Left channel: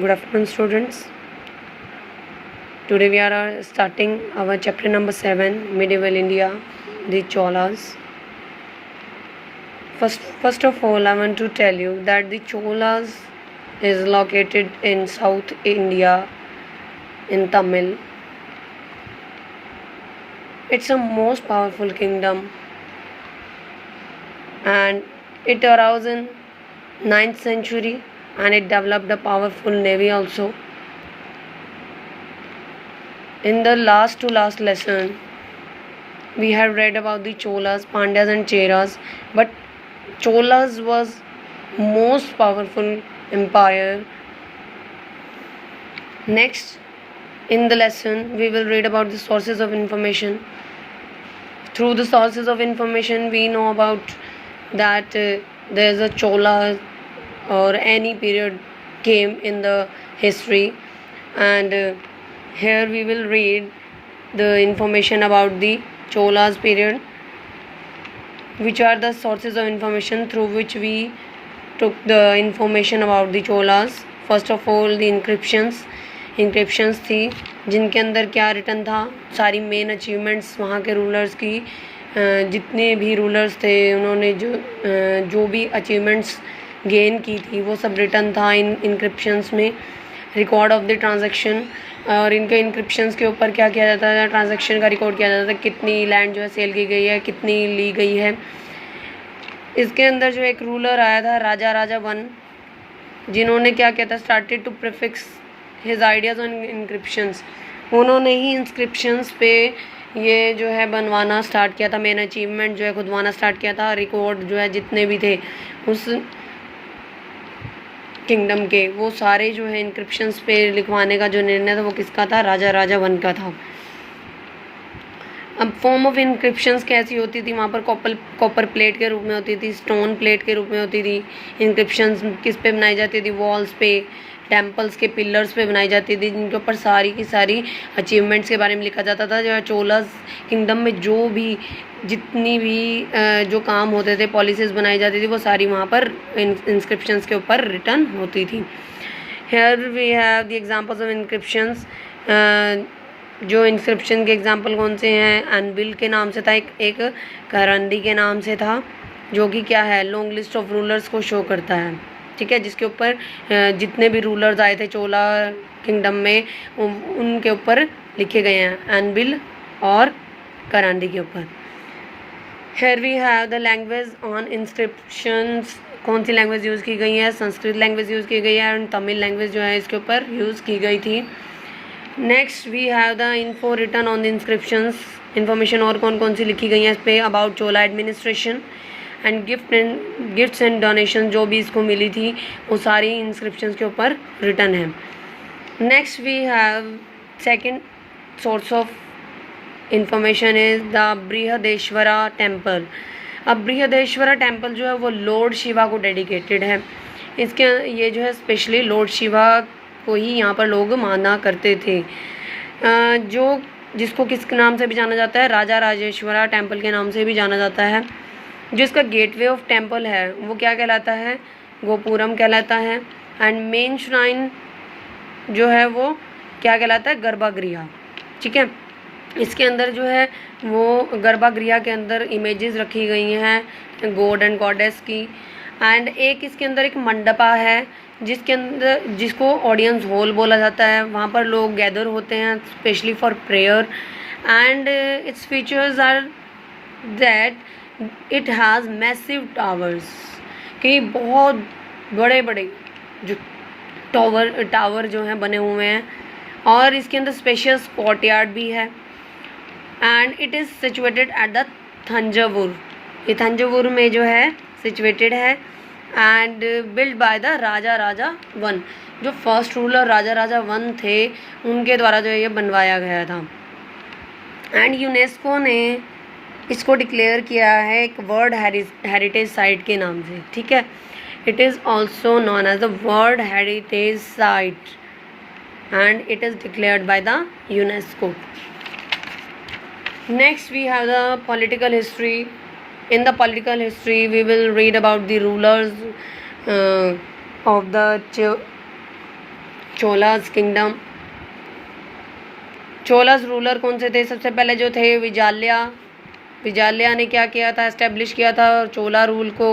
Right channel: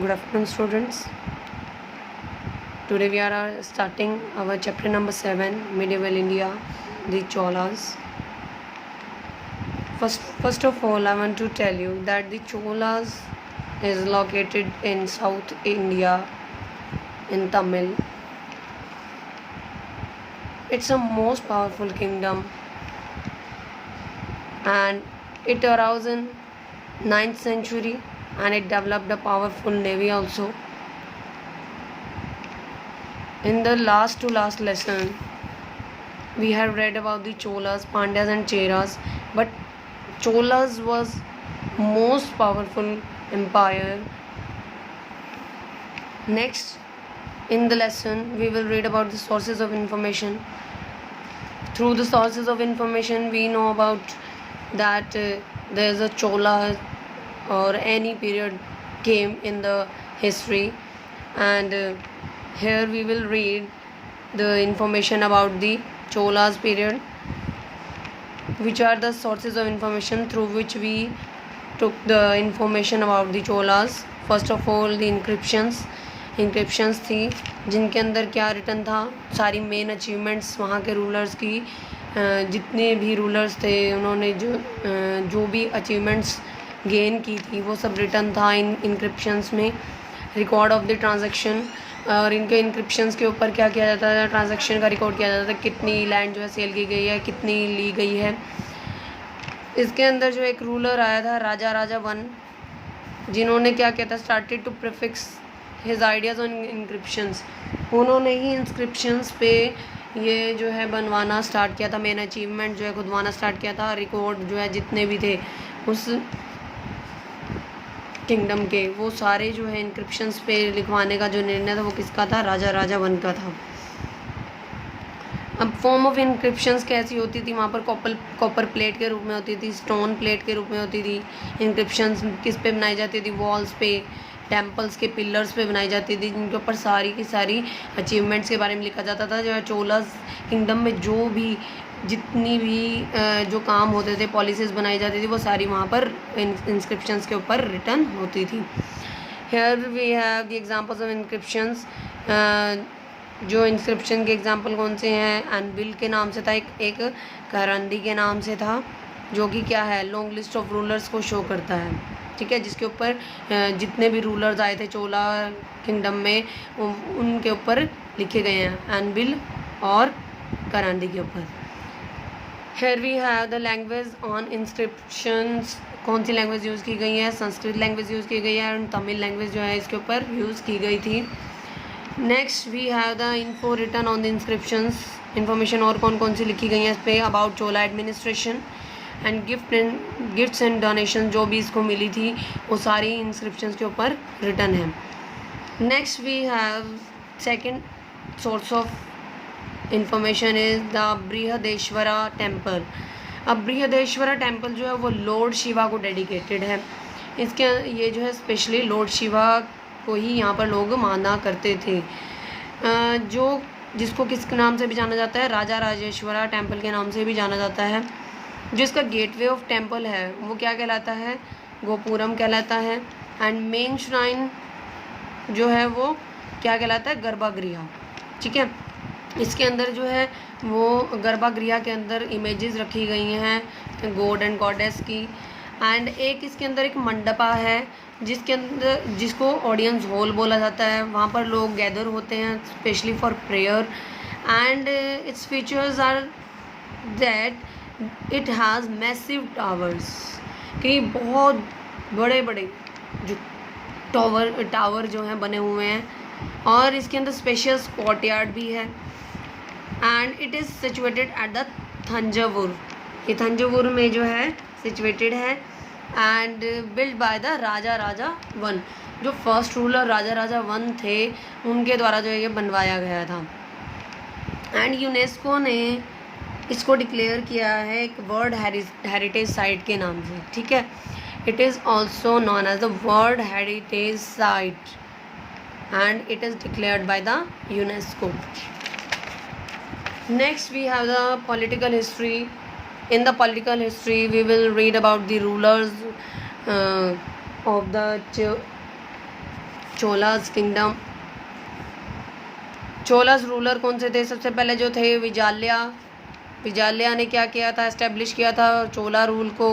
Good afternoon, students. Today we are starting our chapter number 7, Medieval India, the Cholas. First of all, I want to tell you that the Cholas is located in South India, in Tamil. It's a most powerful kingdom, and it arose in 9th century, and it developed a powerful navy also. In the last lesson, we have read about the Cholas, Pandyas and Cheras, but Cholas was most powerful empire. Next, in the lesson, we will read about the sources of information. Through the sources of information, we know about that there is a Chola or any period came in the history, and here we will read the information about the Cholas period, which are the sources of information through which we took the information about the Cholas. First of all, the encryptions थी, जिनके अंदर क्या return था, सारी main achievements वहाँ के rulers की, जितने भी रूलर्स थे उन्होंने जो भी अचीवमेंट्स गेन की थी वो सब रिटर्न था इन इंक्रिप्शंस में. रिकॉर्ड ऑफ द ट्रांजैक्शन, और इनके इंक्रिप्शंस के ऊपर क्या किया जाता था, ट्रांजैक्शन का रिकॉर्ड किया जाता था, कितनी लैंड जो है सेल की गई है, कितनी ली गई है. इसके अंदर जो एक रूलर आया था राजा वन, जिन्होंने क्या किया था, started to prefix his ideas on inscriptions. उन्होंने ही इंस्क्रिप्शंस पे ये जो है बनवाना स्टार्ट किया था, मेन अचीवमेंट जो है खुदवाना स्टार्ट किया था. रिकॉर्ड जो है जितने भी थे उस किंगडम के, वो सारे जो है इंक्रिप्शंस पे लिखवाने का जो निर्णय था वो किसका था, राजा वन का था. अब फॉर्म ऑफ इंक्रिप्शंस कैसी होती थी, वहाँ पर कॉपर प्लेट के रूप में होती थी, स्टोन प्लेट के रूप में होती थी. इंक्रिप्शंस किस पे बनाई जाती थी, वॉल्स पे, टेम्पल्स के पिलर्स पे बनाई जाती थी, जिनके ऊपर सारी की सारी अचीवमेंट्स के बारे में लिखा जाता था. जो है चोलास किंगडम में जो भी जितनी भी जो काम होते थे, पॉलिसीज़ बनाई जाती थी, वो सारी वहाँ पर इंस्क्रिप्शंस के ऊपर रिटर्न होती थी. Here we have the examples of inscriptions. जो इंस्क्रिप्शन के एग्जांपल कौन से हैं, एनबिल के नाम से था, एक करंदी के नाम से था, जो कि क्या है, लॉन्ग लिस्ट ऑफ रूलर्स को शो करता है. ठीक है, जिसके ऊपर जितने भी रूलर्स आए थे चोला किंगडम में उनके ऊपर लिखे गए हैं, एनबिल और करांदी के ऊपर. Here we have the language on inscriptions. कौन सी लैंग्वेज यूज़ की गई है, संस्कृत लैंग्वेज यूज़ की गई है, एंड तमिल लैंग्वेज जो है इसके ऊपर यूज़ की गई थी. Next we have the info written on the inscriptions. Information और कौन सी लिखी गई हैं इस पर, about Chola administration and gifts and donation जो भी इसको मिली थी वो सारी इंस्क्रिप्शंस के ऊपर रिटर्न है. Next we have second source of information is the Brihadeshwara temple. अब बृहदेश्वरा टेम्पल जो है वो लॉर्ड शिवा को डेडिकेटेड है. इसके ये जो है स्पेशली लॉर्ड शिवा को ही यहाँ पर लोग माना करते थे. जो जिसको किस नाम से भी जाना जाता है, राजा राजेश्वरा टेम्पल के नाम से भी जाना जाता है. जिसका गेटवे ऑफ टेम्पल है वो क्या कहलाता है, गोपुरम कहलाता है. एंड मेन श्राइन जो है वो क्या कहलाता है, गर्भागृह. ठीक है, इसके अंदर जो है वो गर्भागृह के अंदर इमेजेस रखी गई हैं गॉड एंड गॉडेस की. एंड एक इसके अंदर एक मंडपा है जिसके अंदर जिसको ऑडियंस हॉल बोला जाता है. वहाँ पर लोग गैदर होते हैं specially for prayer. And its features are that it has massive towers, कि बहुत बड़े बड़े जो टावर जो हैं बने हुए हैं, और इसके अंदर स्पेशियस कोर्टयार्ड भी है. And it is situated at the Thanjavur. ये थंजावुर में जो है सिचुएटेड है. And build by the Raja one. जो फर्स्ट रूलर राजा वन थे उनके द्वारा जो है ये बनवाया गया था. एंड यूनेस्को ने इसको डिक्लेयर किया है एक वर्ल्ड हेरिटेज साइट के नाम से. ठीक है, it is also known as the world heritage site and it is declared by the UNESCO. Next we have the political history. In the political history, we will read about the rulers of the Cholas kingdom. Cholas ruler कौन से थे? सबसे पहले जो थे विजाल्या ने क्या किया था? एस्टेब्लिश किया था चोला रूल को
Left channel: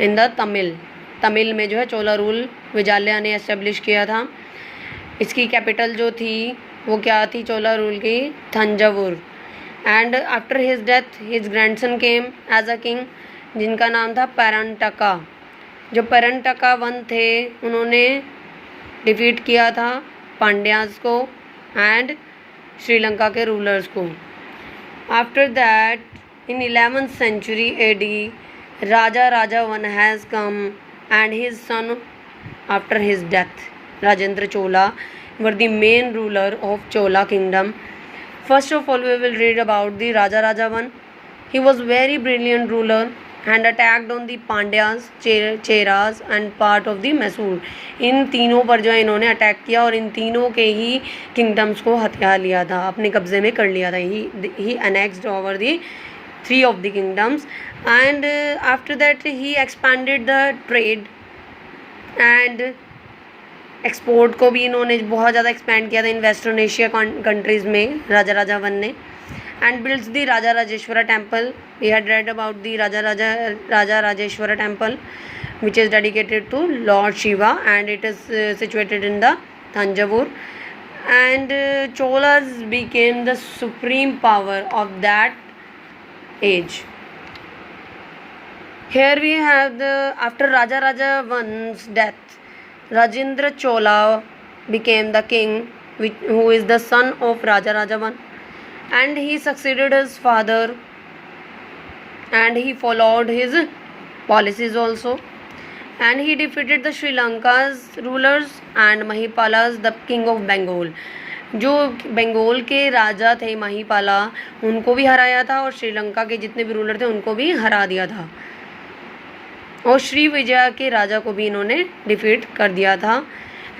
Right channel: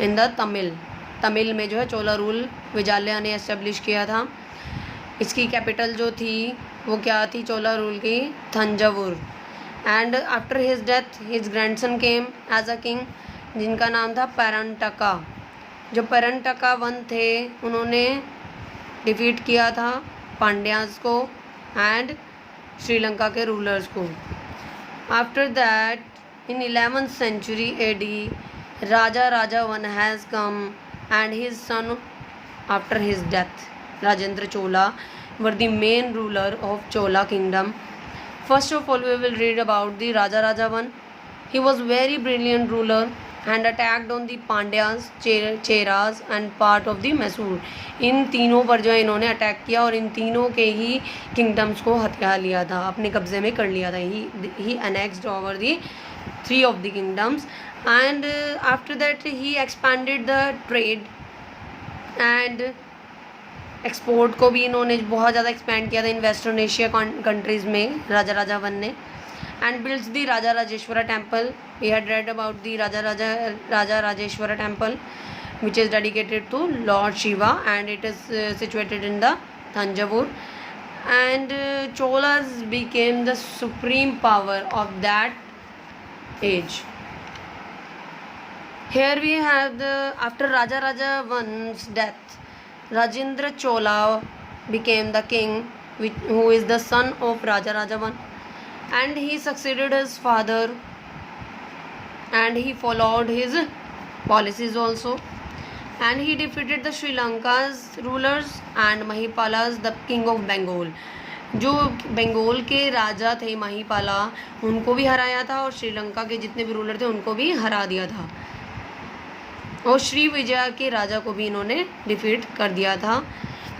इन द तमिल में जो है चोला रूल विजाल्या ने एस्टेब्लिश किया था। इसकी कैपिटल जो थी वो क्या थी चोला रूल की? Thanjavur. And after his death his grandson came as a king, जिनका नाम था पेरंटका। जो पेरंटका वन थे उन्होंने डिफीट किया था पांड्यास को एंड श्रीलंका के रूलर्स को। After that in 11th century AD Raja one has come and his sun after his death Rajendra Chola were the main ruler of Chola kingdom. First of all, we will read about the Raja one. He was very brilliant ruler and attacked on the Pandyas, Cheras and part of the Mysore. इन तीनों पर जो है इन्होंने attack किया और इन तीनों के ही kingdoms को हथिया लिया था, अपने कब्जे में कर लिया था। He annexed over the 3 of the kingdoms and after that he expanded the trade and export को भी इन्होंने बहुत ज़्यादा एक्सपेंड किया था इन वेस्टर्न एशिया कंट्रीज़ में राजा वन ने। And builds the Raja Rajeshwara temple. We had read about the Raja Rajeshwara temple which is dedicated to lord Shiva and it is situated in the Thanjavur. And Cholas became the supreme power of that age. Here we have after Raja one's death, Rajendra Chola became the king, who is the son of Raja one, and he succeeded his father, and he followed his policies also, and he defeated the Sri Lanka's rulers and Mahipalas, the king of Bengal. जो बंगाल के राजा थे महिपाला, उनको भी हराया था और श्रीलंका के जितने भी रूलर थे उनको भी हरा दिया था और श्री विजय के राजा को भी इन्होंने डिफीट कर दिया था।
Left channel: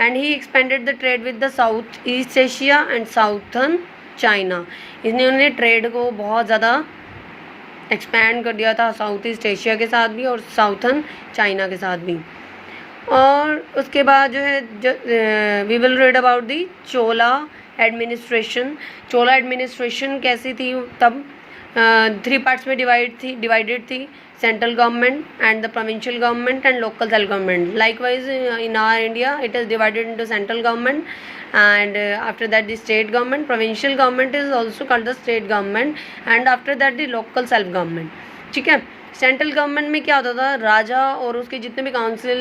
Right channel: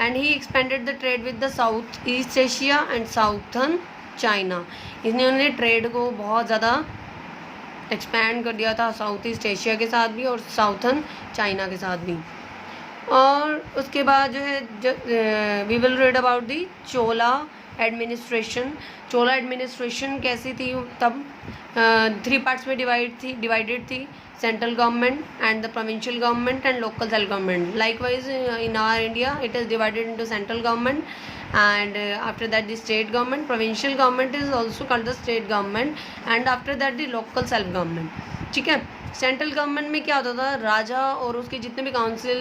And he expanded the trade with the south east Asia and southern China. इन्होंने ट्रेड को बहुत ज़्यादा एक्सपेंड कर दिया था साउथ ईस्ट एशिया के साथ भी और साउथर्न चाइना के साथ भी। और उसके बाद जो है we will read about the Chola administration. Chola administration कैसी थी तब? 3 पार्ट्स में डिवाइडेड थी, central government and the provincial government and local self government. Likewise in our India it is divided into central government and after that the state government. Provincial government is also called the state government and after that the local self government. ठीक है। Central government में क्या होता था? राजा और उसके जितने भी काउंसिल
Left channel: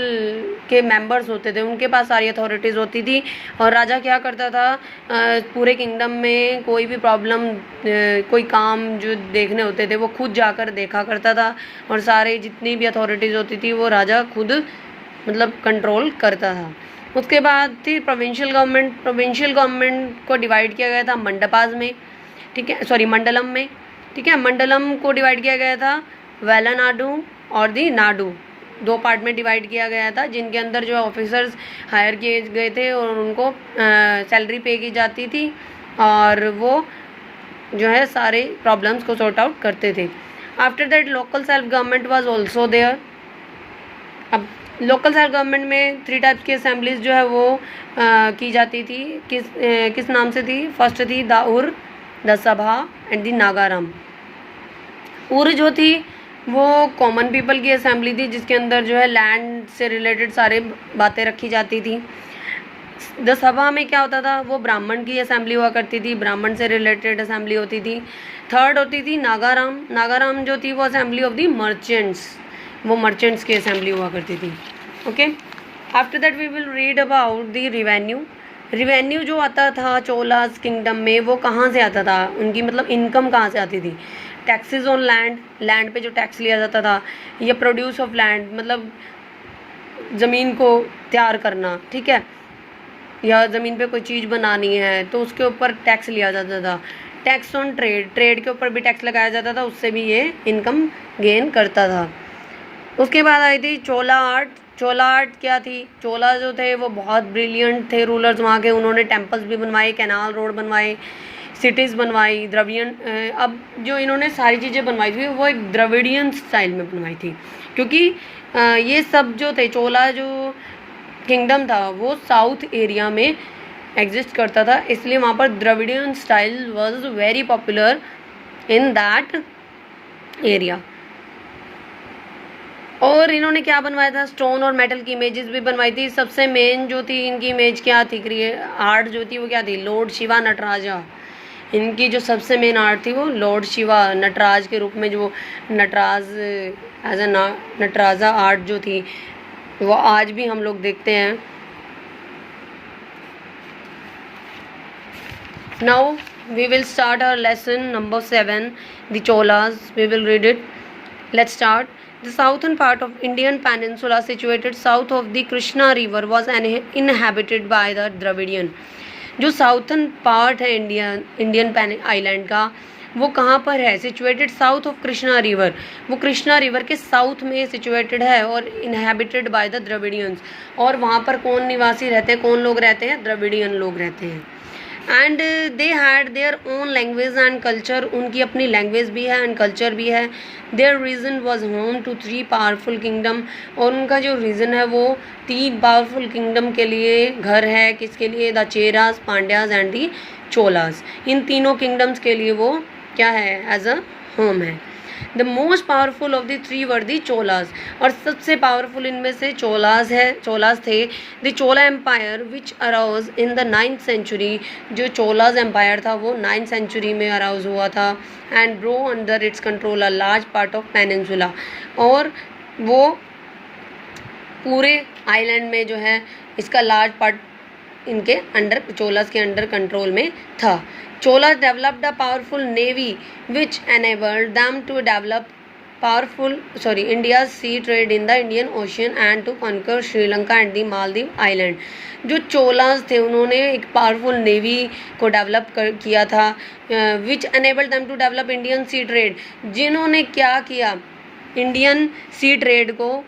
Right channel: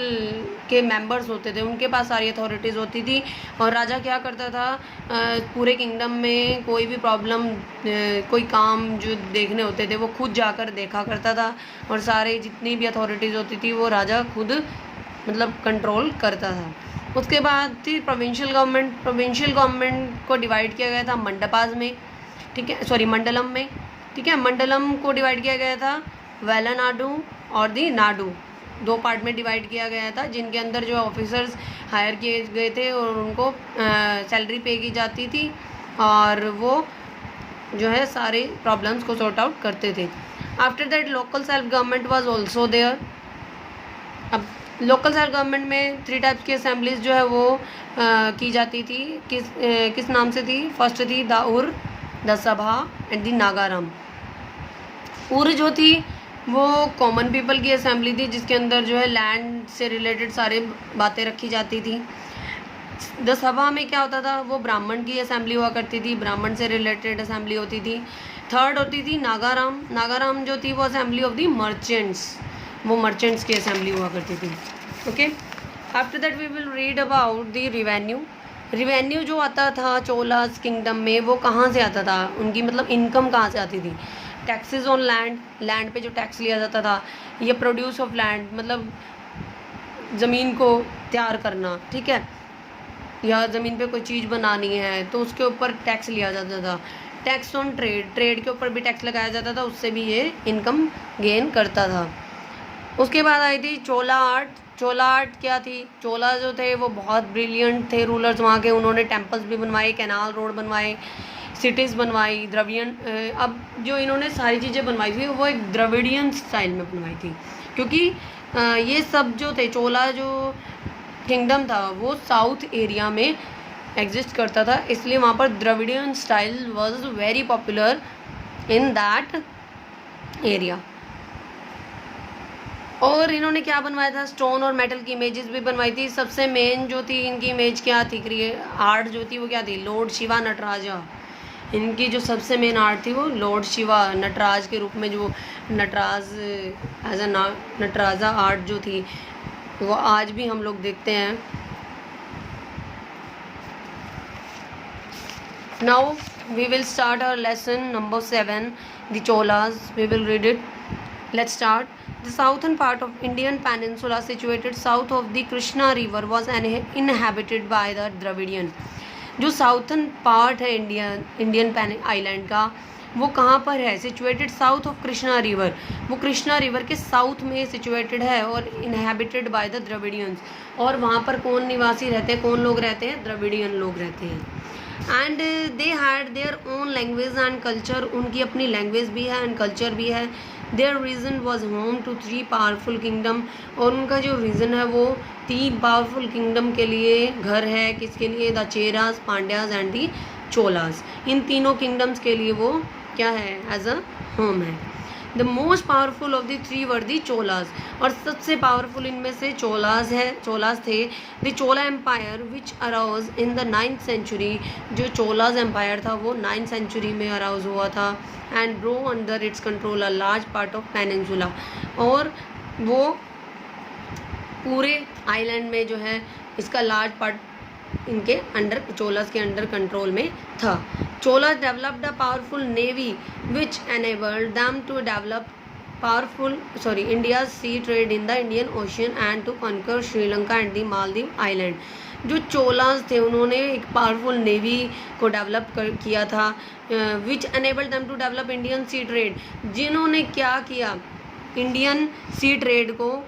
के मेंबर्स होते थे उनके पास सारी अथॉरिटीज़ होती थी और राजा क्या करता था? पूरे किंगडम में कोई भी प्रॉब्लम कोई काम जो देखने होते थे वो खुद जाकर देखा करता था और सारे जितनी भी अथॉरिटीज़ होती थी वो राजा खुद मतलब कंट्रोल करता था। उसके बाद थी प्रोविंशियल गवर्नमेंट। प्रोविंशियल गवर्नमेंट को डिवाइड किया गया था मंडपास में, ठीक है, मंडलम में, ठीक है। मंडलम को डिवाइड किया गया था वेलानाडु और दी नाडु, 2 पार्ट में डिवाइड किया गया था जिनके अंदर जो ऑफिसर्स हायर किए गए थे और उनको सैलरी पे की जाती थी और वो जो है सारे प्रॉब्लम्स को सॉर्ट आउट करते थे। After that local self government was also there. अब लोकल सेल्फ गवर्नमेंट में 3 टाइप्स की असेंबलीज जो है वो की जाती थी। किस नाम से थी? फर्स्ट थी the ur, the sabha and the Nagaram. उर जो थी वो कॉमन पीपल की असेंबली थी जिसके अंदर जो है लैंड से रिलेटेड सारी बातें रखी जाती थी। द सभा में क्या होता था? वो ब्राह्मण की असेंबली हुआ करती थी, ब्राह्मण से रिलेटेड असेंबली होती थी। थर्ड होती थी नागाराम। नागाराम जो थी वो असेंबली ऑफ दी मर्चेंट्स, वो मर्चेंट्स की असेंबली हुआ करती थी। Okay. After that we will read about the revenue. Revenue जो आता था चोलास किंगडम में वो कहाँ से आता था? उनकी मतलब इनकम कहाँ से आती थी? टैक्सेस ऑन लैंड, लैंड पे जो टैक्स लिया जाता था, या प्रोड्यूस ऑफ लैंड मतलब ज़मीन को तैयार करना, ठीक है, या ज़मीन पे कोई चीज़ बनानी है तो उसके ऊपर टैक्स लिया जाता था। टैक्स ऑन ट्रेड, ट्रेड के ऊपर भी टैक्स लगाया जाता था, उससे भी ये इनकम गेन करता था। उसके बाद आई थी चोला आर्ट। चोला आर्ट क्या थी? चोला जो थे वो बहुत ब्रिलियंट थे रूलर्स वहाँ के। उन्होंने टेम्पल्स भी बनवाए, कैनाल रोड बनवाए, सिटीज़ बनवाई, द्रविडियन। अब जो इन्होंने सारी चीज़ें बनवाई थी वो एक द्रविडियन स्टाइल में बनवाई थी क्योंकि ये सब जो थे चोला जो किंगडम था वो साउथ एरिया में एग्जिस्ट करता था, इसलिए वहाँ पर Dravidian style was very popular in that area. और इन्होंने क्या बनवाया था, स्टोन और मेटल की इमेजेस भी बनवाई थी। सबसे मेन जो थी इनकी इमेज क्या थी, आर्ट जो थी वो क्या थी, लॉर्ड शिवा नटराजा। इनकी जो सबसे मेन आर्ट थी वो लॉर्ड शिवा नटराज के रूप में, जो Nataraj as a Nataraja art जो थी वो आज भी हम लोग देखते हैं। Now we will start our lesson number 7, the Cholas. We will read it. Let's start. The southern part of Indian peninsula, situated south of the Krishna river, was inhabited by the Dravidian. जो southern part है Indian island का, वो कहाँ पर है, situated south of Krishna river, वो Krishna river के south में सिचुएटेड है और इनहेबिटेड बाय द द्रविडियंस। और वहाँ पर कौन निवासी रहते हैं, कौन लोग रहते हैं, द्रविडियन लोग रहते हैं। And they had their own language and culture, उनकी अपनी लैंग्वेज भी है एंड कल्चर भी है। Their region was home to 3 powerful kingdom, और उनका जो रीजन है वो 3 पावरफुल किंगडम के लिए घर है। किसके लिए, the Cheras, Pandyas and the Cholas. इन तीनों किंगडम्स के लिए वो क्या है, एज अ होम है। The most powerful of the 3 were the Cholas, और सबसे पावरफुल इनमें से चोलास थे। The Chola empire which arose in the 9th century, जो चोलास एम्पायर था वो 9th सेंचुरी में अराउज हुआ था। And brought under its control a large part of peninsula, और वो पूरे आइलैंड में जो है इसका लार्ज पार्ट इनके अंडर, चोलास के अंडर कंट्रोल में था। Cholas developed a powerful navy which enabled them to develop India's sea trade in the Indian ocean and to conquer Sri Lanka and the Maldives island. जो चोलास थे उन्होंने एक पावरफुल नेवी को डेवलप किया था, which enabled them to develop Indian sea trade, जिन्होंने क्या किया, इंडियन सी ट्रेड को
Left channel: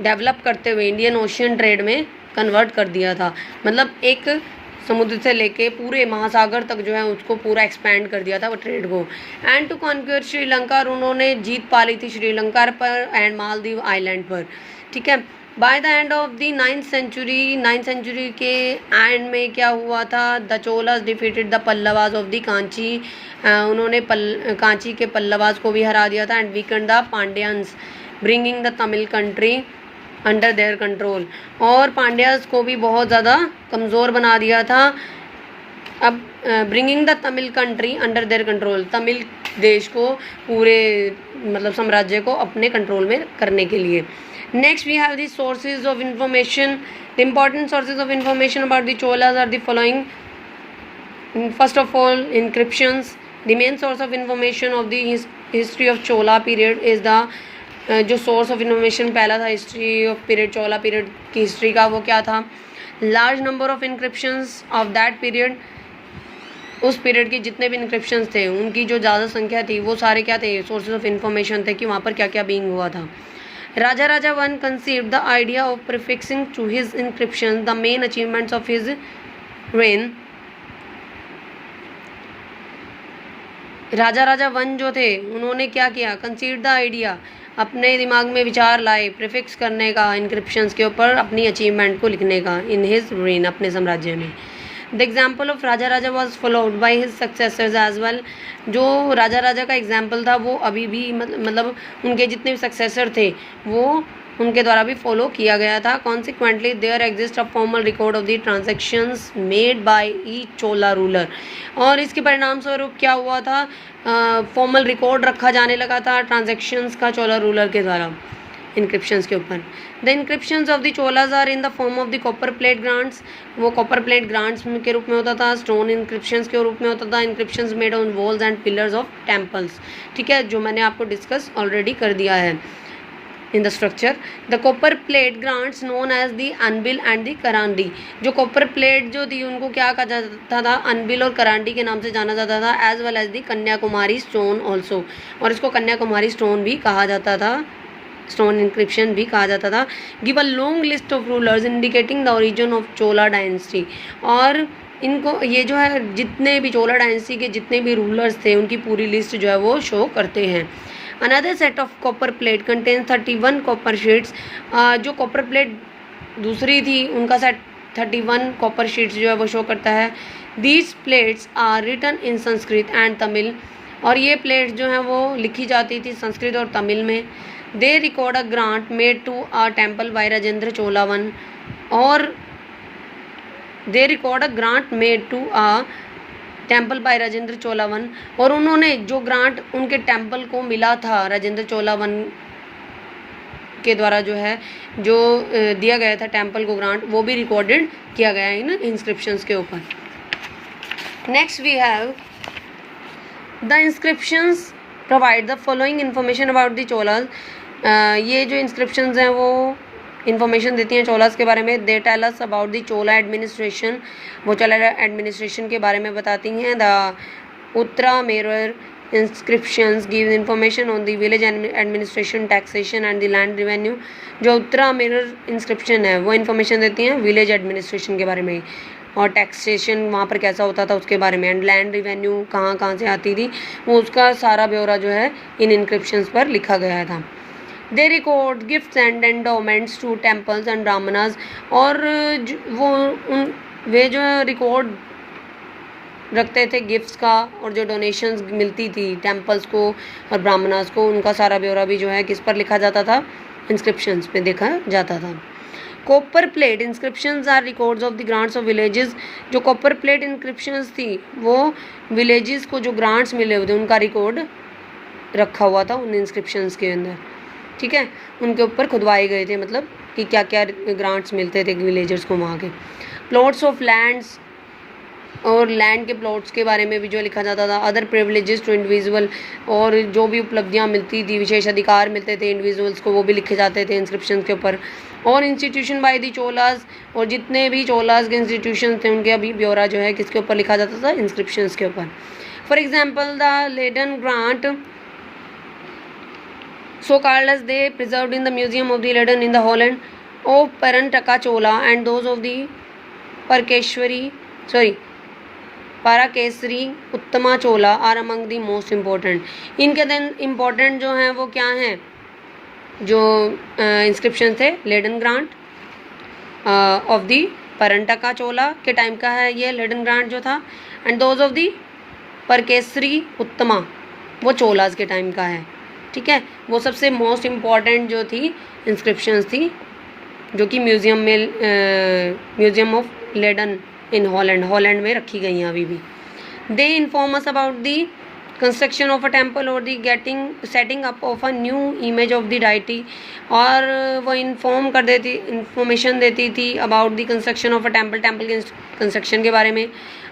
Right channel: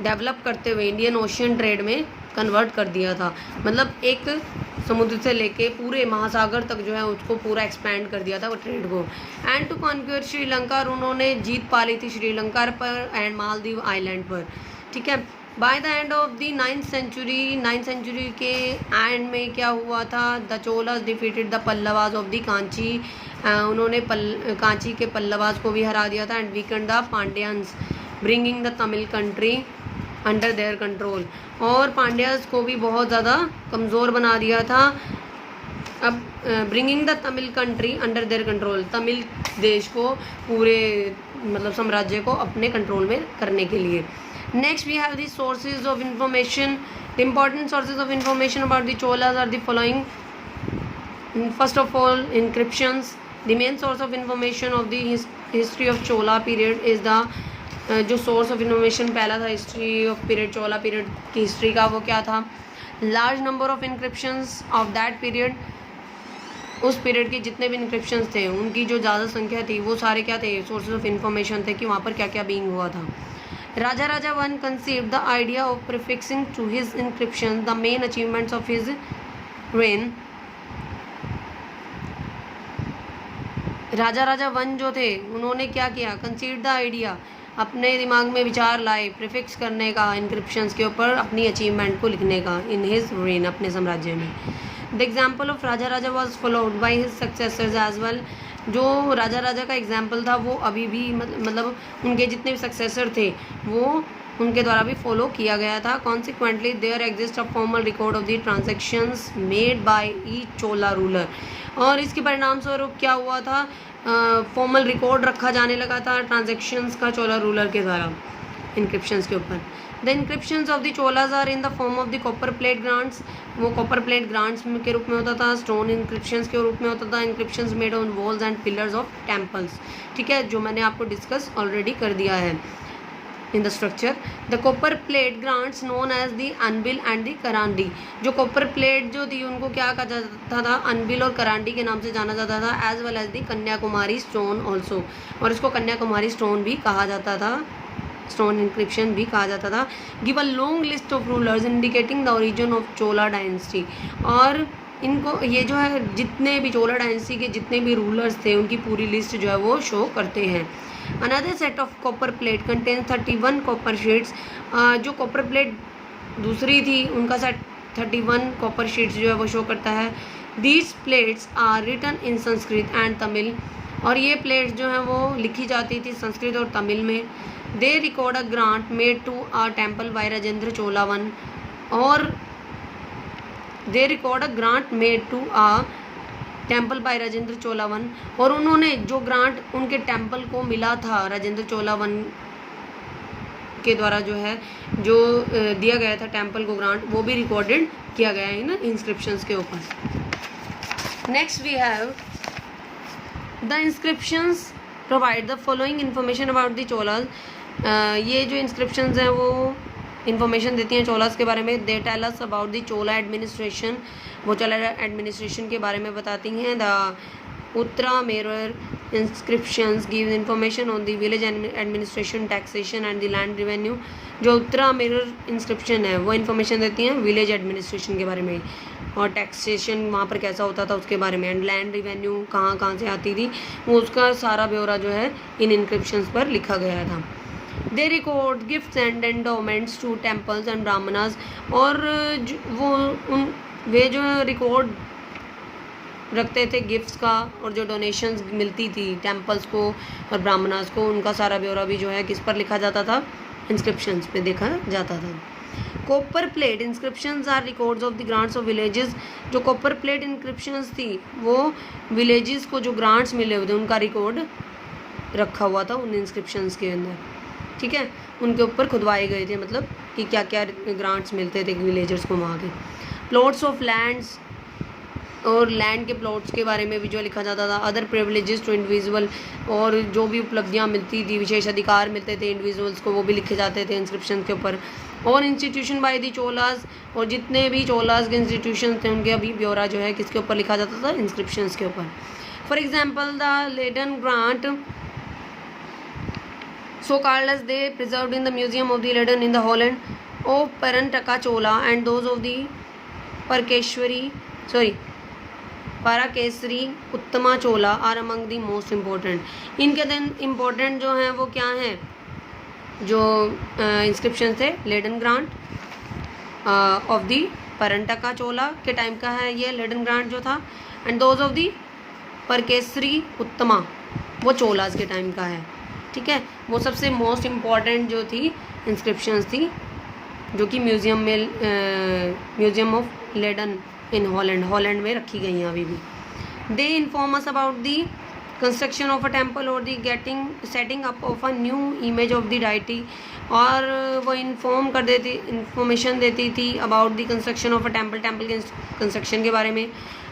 डेवलप करते हुए इंडियन ओशियन ट्रेड में कन्वर्ट कर दिया था। मतलब एक समुद्र से लेके पूरे महासागर तक जो है उसको पूरा एक्सपैंड कर दिया था वो ट्रेड को। एंड टू कॉन्क्यूर श्रीलंका, और उन्होंने जीत पा ली थी श्रीलंका पर एंड मालदीव आइलैंड पर। ठीक है, by the end of the 9th century के एंड में क्या हुआ था, the Cholas defeated the Pallavas of the Kanchi, उन्होंने कांची के पल्लवास को भी हरा दिया था। And weakened the Pandyans, bringing the Tamil country under their control, और पांड्यास को भी बहुत ज़्यादा कमज़ोर बना दिया था। अब bringing the Tamil country under their control, Tamil देश को पूरे मतलब साम्राज्य को अपने कंट्रोल में करने के लिए। Next we have the sources of information. The important sources of information about the Cholas are the following. First of all, inscriptions. The main source of information of the history of Chola period is the, जो source of information पहला था history of period, Chola period की history का, वो क्या था, large number of inscriptions of that period. उस period के जितने भी इंक्रिप्शंस थे उनकी जो ज़्यादा संख्या थी वो सारे क्या थे, सोर्सेज ऑफ इंफॉर्मेशन थे कि वहाँ पर क्या क्या बीइंग हुआ था। Raja one conceived the idea of prefixing to his inscription the main achievements of his reign. Raja one जो थे उन्होंने क्या किया, कंसीव्ड द आइडिया, अपने दिमाग में विचार लाए प्रीफिक्स करने का इंक्रिप्शंस के ऊपर, अपनी अचीवमेंट को लिखने का, इन हिज रेन, अपने साम्राज्य में। The example of Raja was followed by his successors as well. जो राजा का एग्जाम्पल था वो अभी भी मतलब उनके जितने भी सक्सेसर थे वो उनके द्वारा भी फॉलो किया गया था। Consequently there exist a formal record of the transactions made by each Chola ruler, और इसके परिणाम स्वरूप क्या हुआ था, फॉर्मल रिकॉर्ड रखा जाने लगा था ट्रांजैक्शंस का चोला रूलर के द्वारा इंक्रिप्शंस के ऊपर। The inscriptions of the Cholas are in the form of the copper plate grants, वो कॉपर प्लेट ग्रांट्स के रूप में होता था, स्टोन इंक्रिप्शंस के रूप में होता था, inscriptions made on walls and pillars of temples. ठीक है, जो मैंने आपको डिस्कस ऑलरेडी कर दिया है in the structure. The copper plate grants known as the unbilled and the करांडी। जो कॉपर प्लेट जो थी उनको क्या कहा जाता था, अनबिल और करांडी के नाम से जाना जाता था, as well as the Kanyakumari stone also, और इसको कन्याकुमारी स्टोन भी कहा जाता था, स्टोन इंक्रिप्शन भी कहा जाता था। Give a long list of rulers indicating the origin of Chola dynasty, और इनको ये जो है जितने भी चोला डायनेस्टी के जितने भी रूलर्स थे उनकी पूरी लिस्ट जो है वो शो करते हैं। Another set of copper plate contains 31 copper sheets. जो कॉपर प्लेट दूसरी थी उनका सेट 31 कॉपर शीट्स जो है वो शो करता है। These plates are written in Sanskrit and Tamil, और ये प्लेट्स जो हैं वो लिखी जाती थी संस्कृत और तमिल में। They record a grant made to a temple by Rajendra Chola one, और they record a grant made to a temple by Rajendra Chola one, और उन्होंने जो ग्रांट उनके टेम्पल को मिला था राजेंद्र चोला वन के द्वारा जो है जो दिया गया था टेम्पल को ग्रांट, वो भी रिकॉर्डेड किया गया है इन इंस्क्रिप्शंस के ऊपर। Next we have the inscriptions provide the following information about the Cholas. ये जो इंस्क्रिप्शंस हैं वो इन्फॉर्मेशन देती हैं चोलास के बारे में। They tell us about the Chola administration, वो चोला एडमिनिस्ट्रेशन के बारे में बताती हैं। The Uttaramerur inscriptions give information on the village administration, taxation and the land revenue। जो उत्तरा मिरर इंस्क्रिप्शन है वो इन्फॉर्मेशन देती हैं विलेज एडमिनिस्ट्रेशन के बारे में, और टैक्सेशन वहाँ पर कैसा होता था उसके बारे में, एंड लैंड रिवेन्यू कहाँ कहाँ से आती थी, वो उसका सारा ब्यौरा जो है इन इंस्क्रिप्शंस पर लिखा गया था। They record gifts and endowments to temples and Brahmanas, और वे जो रिकॉर्ड रखते थे गिफ्ट्स का, और जो डोनेशंस मिलती थी टेम्पल्स को और ब्राह्मणास को, उनका सारा ब्यौरा भी जो है किस पर लिखा जाता था, इंस्क्रिप्शंस पे देखा जाता था। Copper plate inscriptions are records of the grants of villages. जो कॉपर प्लेट इंस्क्रिप्शंस थी वो विलेजेस को जो ग्रांट्स मिले हुए थे उनका रिकॉर्ड रखा हुआ था उन इंस्क्रिप्शंस के अंदर, ठीक है, उनके ऊपर खुदवाए गए थे, मतलब कि क्या क्या ग्रांट्स मिलते थे विलेजर्स को वहाँ के। प्लॉट्स ऑफ लैंड्स, और लैंड के प्लॉट्स के बारे में भी जो लिखा जाता था। अदर प्रिविलेजेस टू इंडिविजुअल, और जो भी उपलब्धियां मिलती थी, विशेष अधिकार मिलते थे इंडिविजुअल्स को, वो भी लिखे जाते थे इंस्क्रिप्शन के ऊपर। और इंस्टीट्यूशन बाय दी चोलास, और जितने भी चोलास के इंस्टीट्यूशन थे उनके अभी ब्यौरा जो है किसके ऊपर लिखा जाता था, इंस्क्रिप्शन के ऊपर। For example the Leiden grant so called as they preserved in the museum of the Leiden in the Holland of Parantaka Chola and those of the Parakesari Uttama Chola are among the most important. इनके दिन important जो हैं वो क्या हैं, जो inscription थे laden grant of the परंटका चोला के टाइम का है ये लेडन ग्रांट जो था, एंड दोज ऑफ दी परकेसरी उत्तमा वो चोलास के टाइम का है, ठीक है। वो सबसे मोस्ट इम्पॉर्टेंट जो थी इंस्क्रिप्शंस थी जो कि museum of Leiden in Holland में रखी गई हैं अभी भी। They inform us about the construction of a temple और the setting up of a new image of the deity, और वो इंफॉर्मेशन देती थी about the construction of a temple के कंस्ट्रक्शन के बारे में,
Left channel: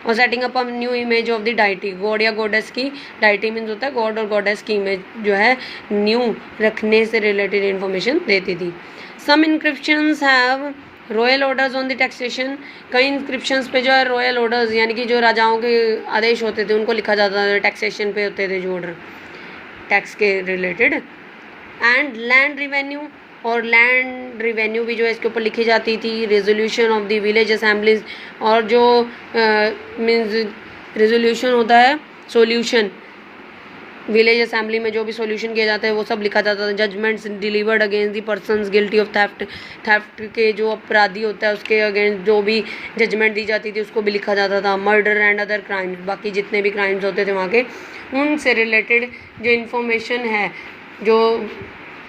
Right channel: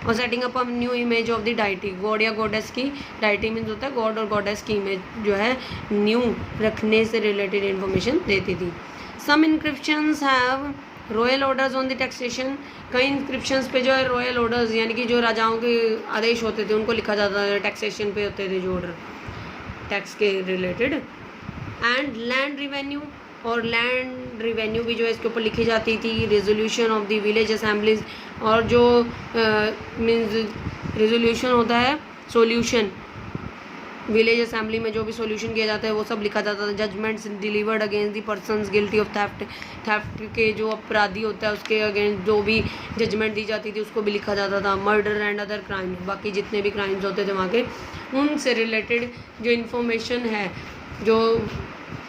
और setting up a new image of the deity, god या गॉडेस की, डाइटी मीन्स होता है गॉड और गॉडेस की इमेज जो है न्यू रखने से रिलेटेड इन्फॉर्मेशन देती थी। Some inscriptions have royal orders on the taxation, कई इंस्क्रिप्शंस पे जो है रॉयल ऑर्डर्स यानी कि जो राजाओं के आदेश होते थे उनको लिखा जाता था, टैक्सेशन पे होते थे जो ऑर्डर टैक्स के रिलेटेड। एंड लैंड रिवेन्यू, और लैंड रिवेन्यू भी जो है इसके ऊपर लिखी जाती थी। Resolution of the village assemblies, और जो मीन्स रेजोल्यूशन होता है सोल्यूशन, विलेज असेंबली में जो भी सॉल्यूशन किया जाता है वो सब लिखा जाता था। Judgements delivered against the persons guilty of theft के जो अपराधी होता है उसके अगेंस्ट जो भी जजमेंट दी जाती थी उसको भी लिखा जाता था। मर्डर एंड अदर क्राइम्स, बाकी जितने भी क्राइम्स होते थे वहाँ के उनसे रिलेटेड जो इन्फॉर्मेशन है जो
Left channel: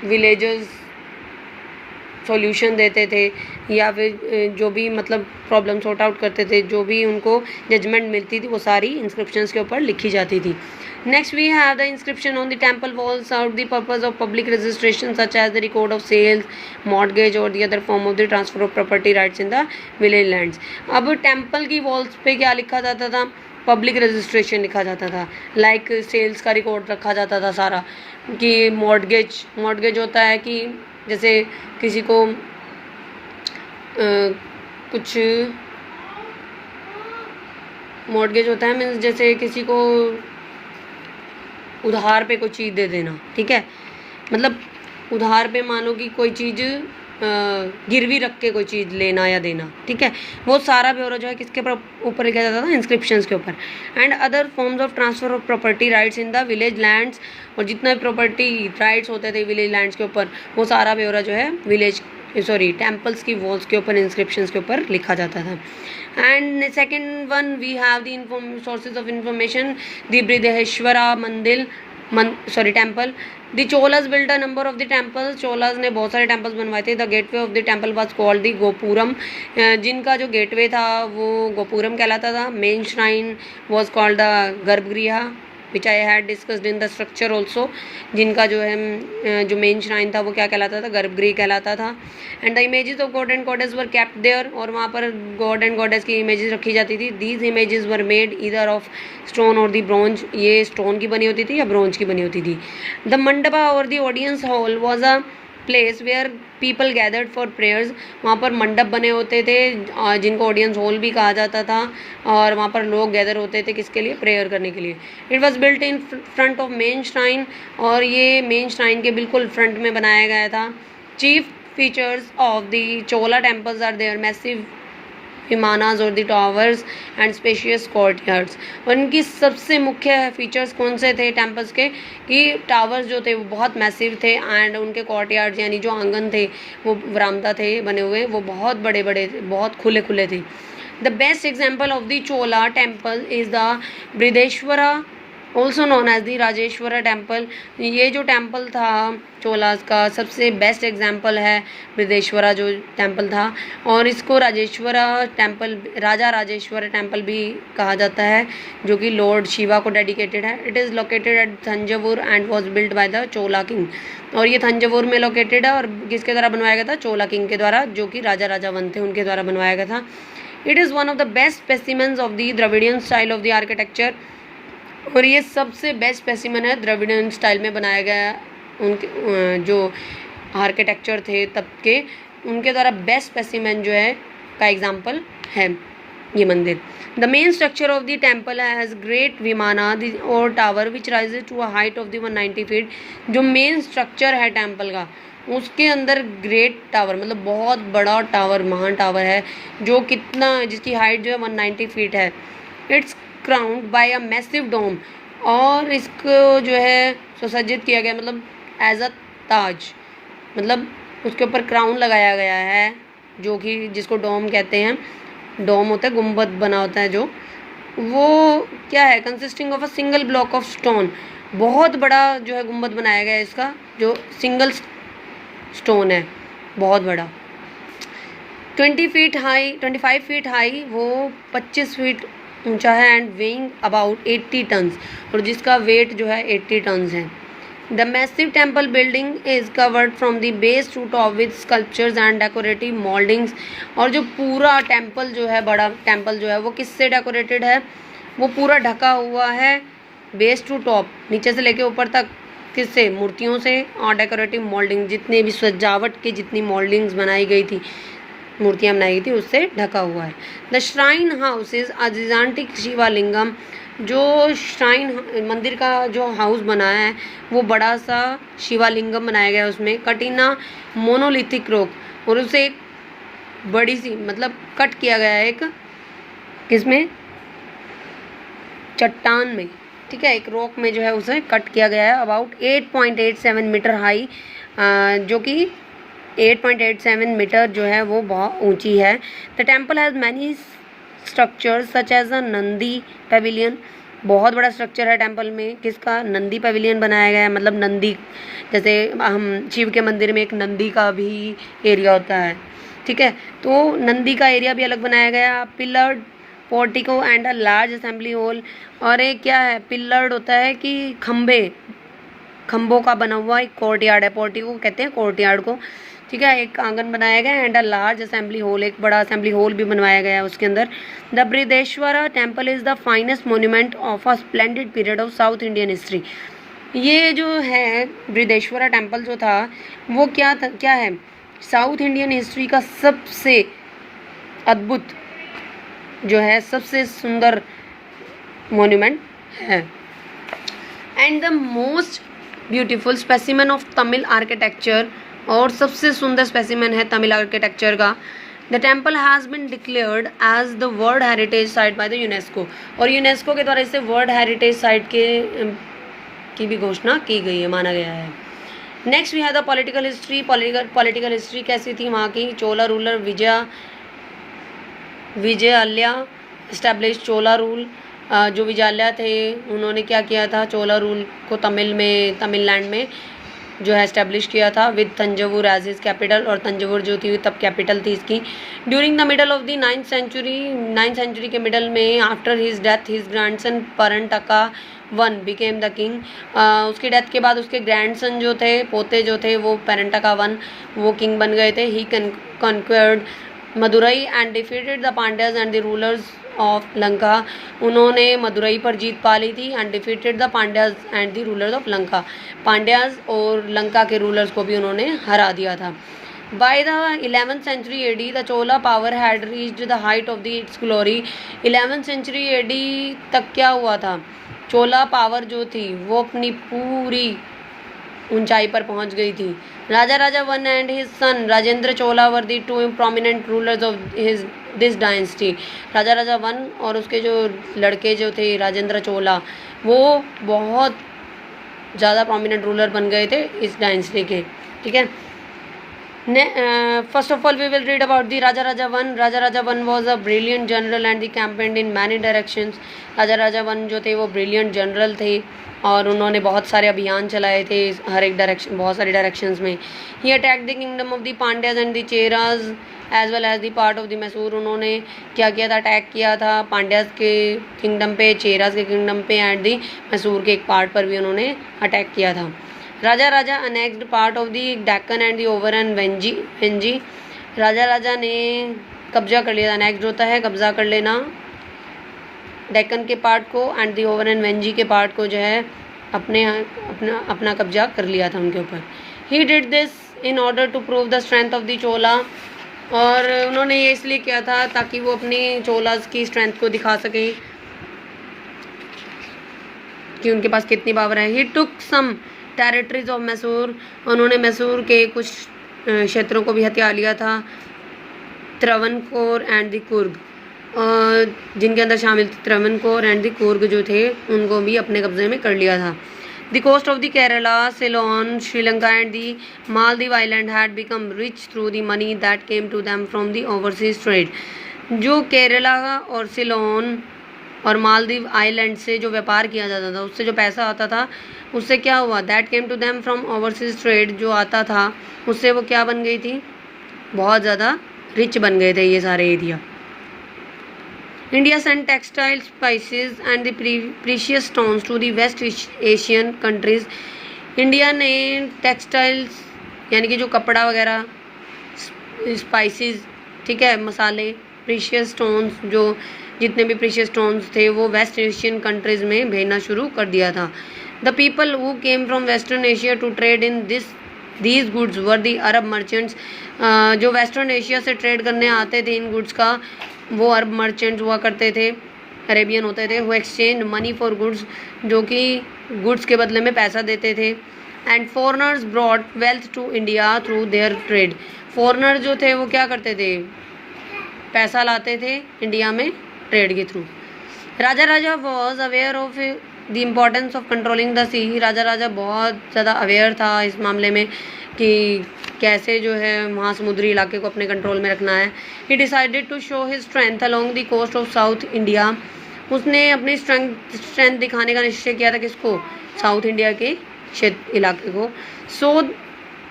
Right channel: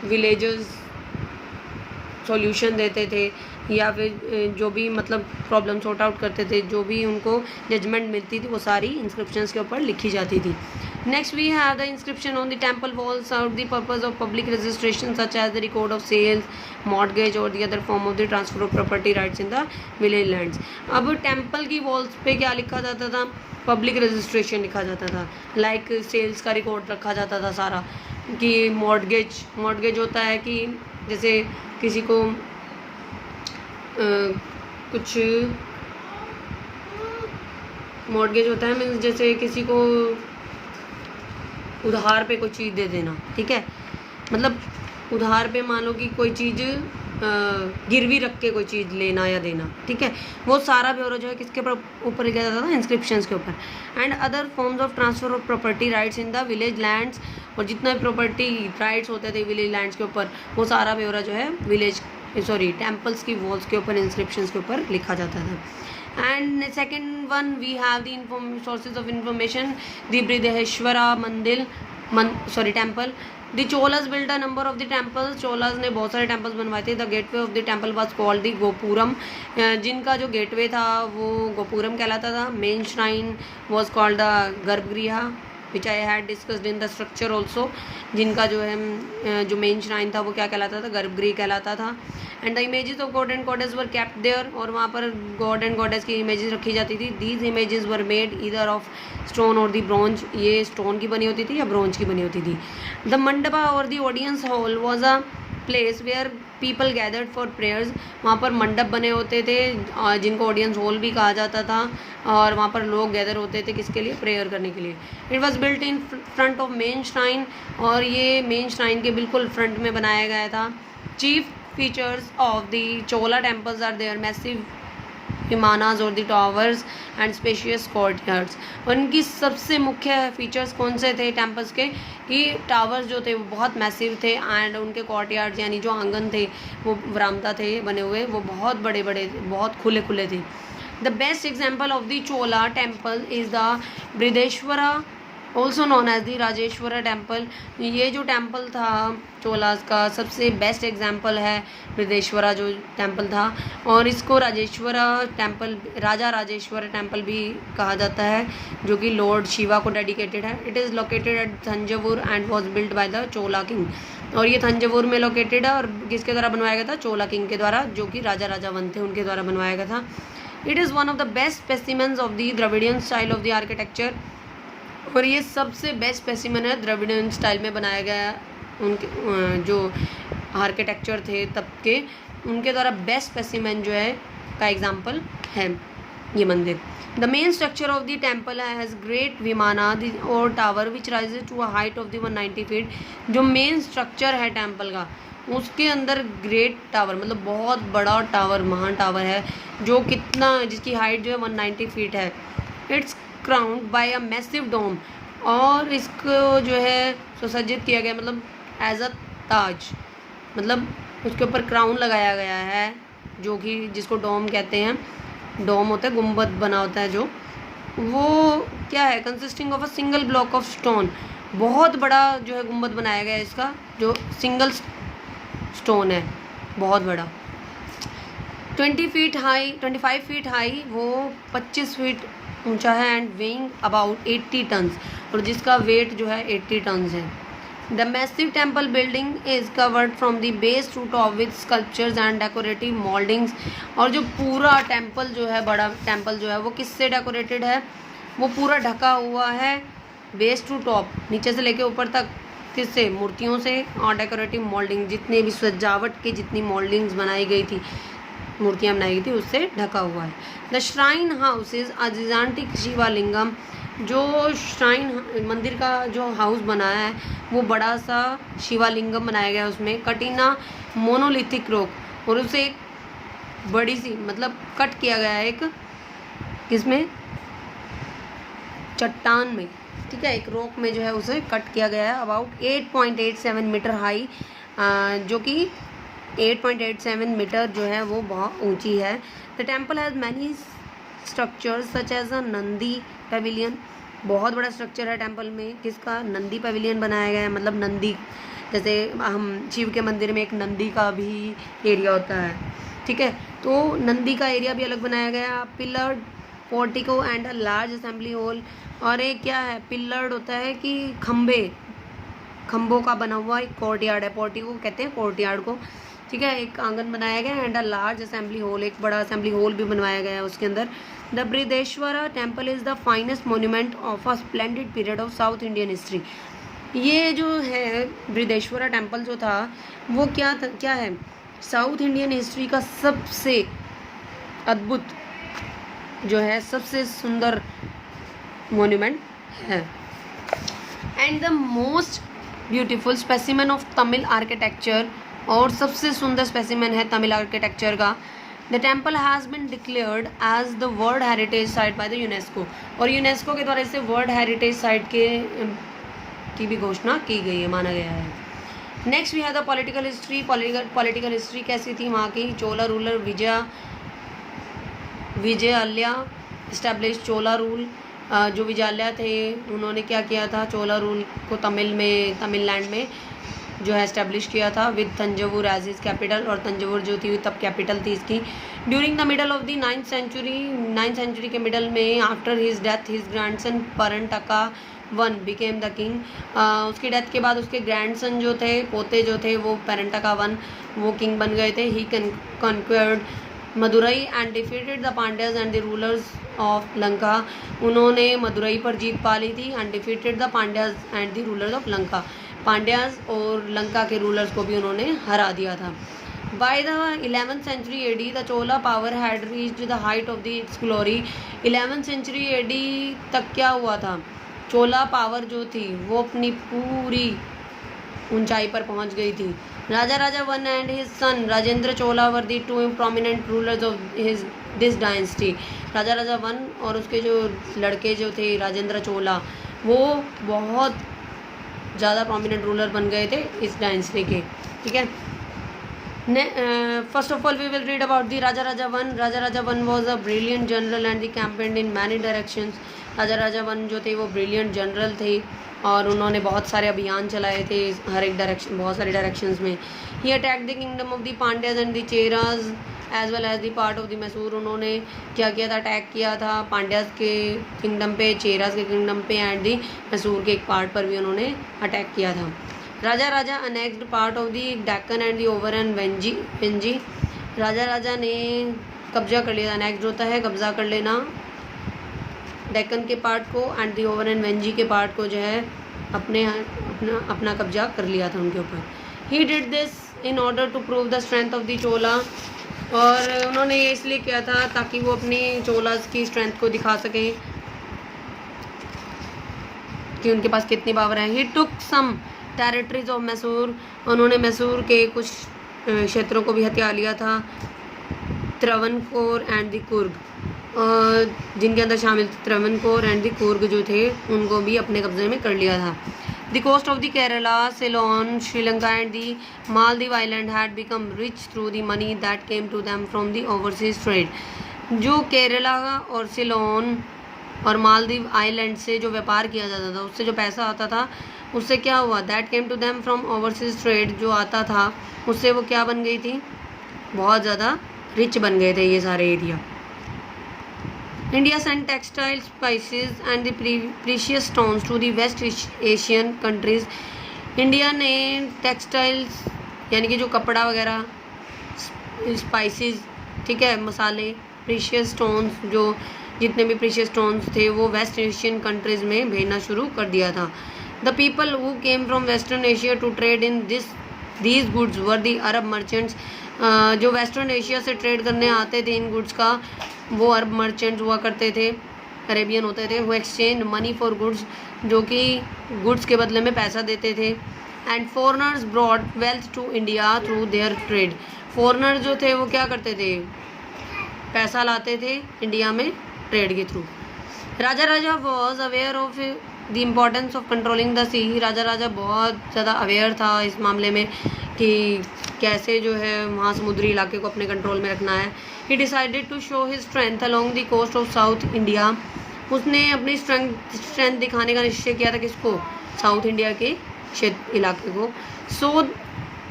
विलेजर्स सॉल्यूशन देते थे या फिर जो भी मतलब प्रॉब्लम सॉर्ट आउट करते थे, जो भी उनको जजमेंट मिलती थी वो सारी इंस्क्रिप्शंस के ऊपर लिखी जाती थी। Next we have the inscription on the temple walls served the purpose of public registration such as the record of sales, mortgage or the other form of the transfer of property rights in the village lands। अब temple की walls पे क्या लिखा जाता था, public registration लिखा जाता था, लाइक सेल्स का रिकॉर्ड रखा जाता था सारा, कि मॉर्टगेज होता है कि जैसे किसी को कुछ मॉर्टगेज होता है मीन्स जैसे किसी को उधार पे कोई चीज़ दे देना, ठीक है, मतलब उधार पे मानो कि कोई चीज़ गिरवी रख के कोई चीज़ लेना या देना, ठीक है, वो सारा ब्यौरा जो है किसके ऊपर लिखा जाता था, इंस्क्रिप्शंस के ऊपर। And other forms of transfer of property rights in the village lands, और जितना प्रॉपर्टी राइट्स होते थे विलेज लैंड्स के ऊपर वो सारा ब्यौरा जो है विलेज सॉरी टेम्पल्स की वॉल्स के ऊपर, इंस्क्रिप्शंस के ऊपर लिखा जाता था. And second one we have the sources of information, the Brihadeshwara temple. The Cholas built a number of the temples. Cholas ने बहुत सारे टेम्पल्स बनवाए थे. The gateway of the temple was called the gopuram. जिनका जो गेटवे था वो गोपुरम कहलाता था. Main shrine was called the garbhagriha, which I had discussed in the structure also. जिनका जो है जो मेन श्राइन था वो क्या कहलाता था, गर्भगृह कहलाता था. And the images of god and goddess were kept there. और वहाँ पर गॉड एंड गॉडेस की इमेजेस रखी जाती थी. These images were made either of stone और दी ब्रॉन्ज. ये स्टोन की बनी होती थी या ब्रॉन्ज की बनी होती थी. द मंडपा और the audience hall was a place where people gathered for prayers. वहाँ पर मंडप बने होते थे जिनको ऑडियंस हॉल भी कहा जाता था, और वहाँ पर लोग गैदर होते थे किसके लिए, प्रेयर करने के लिए. It was built in front of main shrine. और ये मेन श्राइन के बिल्कुल फ्रंट में बनाया गया था. Chief features of the Chola temples are their massive vimanas और the towers and spacious courtyards. और इनकी सबसे मुख्य फीचर्स कौन से थे टेम्पल्स के, कि टावर्स जो थे वो बहुत मैसिव थे, एंड उनके कोर्टयार्ड्स यानी जो आंगन थे वो वरामदा थे बने हुए, वो बहुत बड़े बड़े, बहुत खुले खुले थे. The best example of the Chola temple is the Brihadeshwara, also known as the Rajeshwara temple. ये जो टेम्पल था चोलास का सबसे बेस्ट एग्जाम्पल है बृहदेश्वरा जो टेम्पल था. और इसको राजेश्वरा टेम्पल, राजा राजेश्वरा टेम्पल भी कहा जाता है, जो कि लॉर्ड शिवा को डेडिकेटेड है. It is located at Thanjavur and was built by the Chola king. और ये थंजावुर में लोकेटेड है और किसके द्वारा बनवाया गया था, चोला किंग के द्वारा, जो कि राजा राजावन थे उनके द्वारा बनवाया गया था. It is one of the best specimens of the Dravidian style of the architecture. और ये सबसे बेस्ट स्पेसिमेन है द्रविडियन स्टाइल में बनाया गया. उनके जो आर्किटेक्चर थे तब के, उनके द्वारा बेस्ट स्पेसिमेन जो है का एग्जाम्पल है ये मंदिर. The main structure of the temple has great vimana और tower which rises to a height of the 190 feet. जो मेन स्ट्रक्चर है टेम्पल का, उसके अंदर ग्रेट टावर मतलब बहुत बड़ा टावर, महान टावर है, जो कितना, जिसकी हाइट जो है 190 फीट है. It's crowned by a massive dome. और इसको जो है सुसज्जित किया गया मतलब एज अ ताज, मतलब उसके ऊपर क्राउन लगाया गया है, जो कि जिसको डोम कहते हैं. डोम होता है, गुंबद बना होता है जो, वो क्या है, consisting of a single block of stone. बहुत बड़ा जो है गुंबद बनाया गया है इसका, जो सिंगल स्टोन है, बहुत बड़ा. 25 फीट हाई, वो 25 फीट ऊंचा है. And weighing about 80 tons. और जिसका वेट जो है 80 टन्स है. The massive temple building is covered from the base to top with sculptures and decorative mouldings. और जो पूरा टेम्पल जो है, बड़ा टेम्पल जो है, वो किससे डेकोरेटेड है, वो पूरा ढका हुआ है बेस टू टॉप, नीचे से लेके ऊपर तक, किससे, मूर्तियों से और डेकोरेटिव मोल्डिंग, जितने भी सजावट की जितनी मोल्डिंग्स बनाई गई थी, मूर्तियाँ बनाई गई थी, उससे ढका हुआ है. The shrine house is a gigantic Shivalingam. जो श्राइन मंदिर का जो हाउस बना है वो बड़ा सा शिवालिंगम बनाया गया है उसमें. कटिना मोनोलिथिक रॉक, और उसे एक बड़ी सी मतलब कट किया गया है एक किसमें, चट्टान में, ठीक है, एक रॉक में जो है उसे कट किया गया है. अबाउट 8.87 मीटर हाई, जो कि 8.87 मीटर जो है वो बहुत ऊंची है. The temple has many structures such as a Nandi pavilion. बहुत बड़ा स्ट्रक्चर है टेम्पल में, किसका, नंदी पेविलियन बनाया गया है. मतलब नंदी, जैसे हम शिव के मंदिर में एक नंदी का भी एरिया होता है, ठीक है, तो नंदी का एरिया भी अलग बनाया गया. Pillared portico and a large assembly hall. और एक क्या है, पिलर्ड होता है कि खम्भों का बना हुआ एक कोर्टयार्ड है, पोर्टिको कहते हैं कोर्टयार्ड को, ठीक है, एक आंगन बनाया गया. And a large assembly hall, एक बड़ा असेंबली हॉल भी बनवाया गया है उसके अंदर. The Brihadeshwara temple is the finest monument of a splendid period of south Indian history. ये जो है बृहदेश्वरा टेम्पल जो था वो क्या है, साउथ इंडियन हिस्ट्री का सबसे अद्भुत जो है, सबसे सुंदर मोन्यूमेंट है. And the most beautiful specimen of Tamil architecture, और सबसे सुंदर स्पेसिमेन है तमिल आर्किटेक्चर का. The temple has been declared as the world heritage site by the UNESCO. और यूनेस्को के द्वारा इसे वर्ल्ड हेरिटेज साइट की भी घोषणा की गई है, माना गया है. Next we have the political history. Political history कैसी थी वहाँ की? Chola ruler Vijayalaya establish Chola rule. जो विजयालया थे उन्होंने क्या किया था? चोला रूल को तमिलनाडु में जो है इस्टेब्लिश किया था with Tanjavur as his capital, और तंजवुर जो थी तब कैपिटल थी इसकी। During the middle of the 9th century के मिडल में after his death his grandson Parantaka one became the king. उसकी डेथ के बाद उसके ग्रैंडसन जो थे, पोते जो थे, वो परंटका वन वो किंग बन गए थे। He conquered Madurai and defeated the Pandyas and the rulers of Lanka. उन्होंने मदुरई पर जीत पा ली थी and defeated the Pandyas and the rulers of Lanka. Pandyas और लंका के रूलर्स को भी उन्होंने हरा दिया था। By the 11th century AD the Chola power had reached the height of the its glory. 11th century AD तक क्या हुआ था? चोला पावर जो थी वो अपनी पूरी ऊंचाई पर पहुंच गई थी। Raja one and his son Rajendra Chola were the two prominent rulers of his this dynasty. Raja one और उसके जो लड़के जो थे राजेंद्र चोला, वो बहुत ज़्यादा प्रोमिनेंट रूलर बन गए थे इस डायनेस्टी के। ठीक है, first of all we will read about the Raja one was a brilliant general and the campaigned in many directions. Raja one जो थे वो ब्रिलियंट जनरल थे और उन्होंने बहुत सारे अभियान चलाए थे हर एक डायरेक्शन, बहुत सारे डायरेक्शंस में। He attack the kingdom of the Pandyas and the Cheras as well as the part of the Mysore. उन्होंने क्या किया था? अटैक किया था पांड्याज के किंगडम पे, चेराज के किंगडम पे एंड द मैसूर के एक पार्ट पर भी उन्होंने अटैक किया था। Raja annexed part of the Deccan and the over and Vengi. Raja ने कब्जा कर लिया। अनेक्स्ड होता है कब्जा कर लेना, डेक्कन के पार्ट को and the over and Venzy के पार्ट को जो है अपना कब्जा कर लिया था उनके ऊपर। He did this in order to prove the strength of the Chola. और उन्होंने ये इसलिए किया था ताकि वो अपनी चोलास की स्ट्रेंथ को दिखा सकें कि उनके पास कितनी पावर है। ही टुक सम टेरिटरीज ऑफ मैसूर। उन्होंने मैसूर के कुछ क्षेत्रों को भी हथिया लिया था। त्रवणकोर एंड द कुर्ग, जिनके अंदर शामिल थे त्रवणकोर एंड द कुर्ग जो थे उनको भी अपने कब्जे में कर लिया था। The coast of the Kerala, Ceylon, Sri Lanka and the Maldive island had become rich through the money that came to them from the overseas trade. जो केरला और सिलोन और मालदीव आइलैंड से जो व्यापार किया जाता था, उससे जो पैसा आता था, उससे क्या हुआ? That came to them from overseas trade, जो आता था उससे वो क्या बन गई थी? बहुत ज़्यादा रिच बन गए थे ये सारे area. India sent textile, spices and the precious stones to the West Asian countries. India ने टेक्सटाइल्स यानी कि जो कपड़ा वगैरह, स्पाइसेस, ठीक है, मसाले, प्रीशियस स्टोन्स, जो जितने भी प्रीशियस स्टोन्स थे वो वेस्ट एशियन कंट्रीज़ में भेजना शुरू कर दिया था। The people who came from western Asia to trade in these goods were the Arab merchants. जो वेस्टर्न एशिया से ट्रेड करने आते थे इन गुड्स का, वो अरब मर्चेंट्स हुआ करते थे, अरेबियन होते थे। वो एक्सचेंज मनी फॉर गुड्स, जो कि गुड्स के बदले में पैसा देते थे। And foreigners brought wealth to India through their trade. Foreigner जो थे वो क्या करते थे? पैसा लाते थे इंडिया में ट्रेड के थ्रू। Raja was aware of the importance of controlling the sea. Raja बहुत ज़्यादा अवेयर था इस मामले में कि कैसे जो है वहाँ समुद्री इलाके को अपने कंट्रोल में रखना है। He decided to show his strength along the coast of south India. उसने अपनी स्ट्रेंथ दिखाने का निश्चय किया था किसको? साउथ इंडिया के क्षेत्र इलाके को। So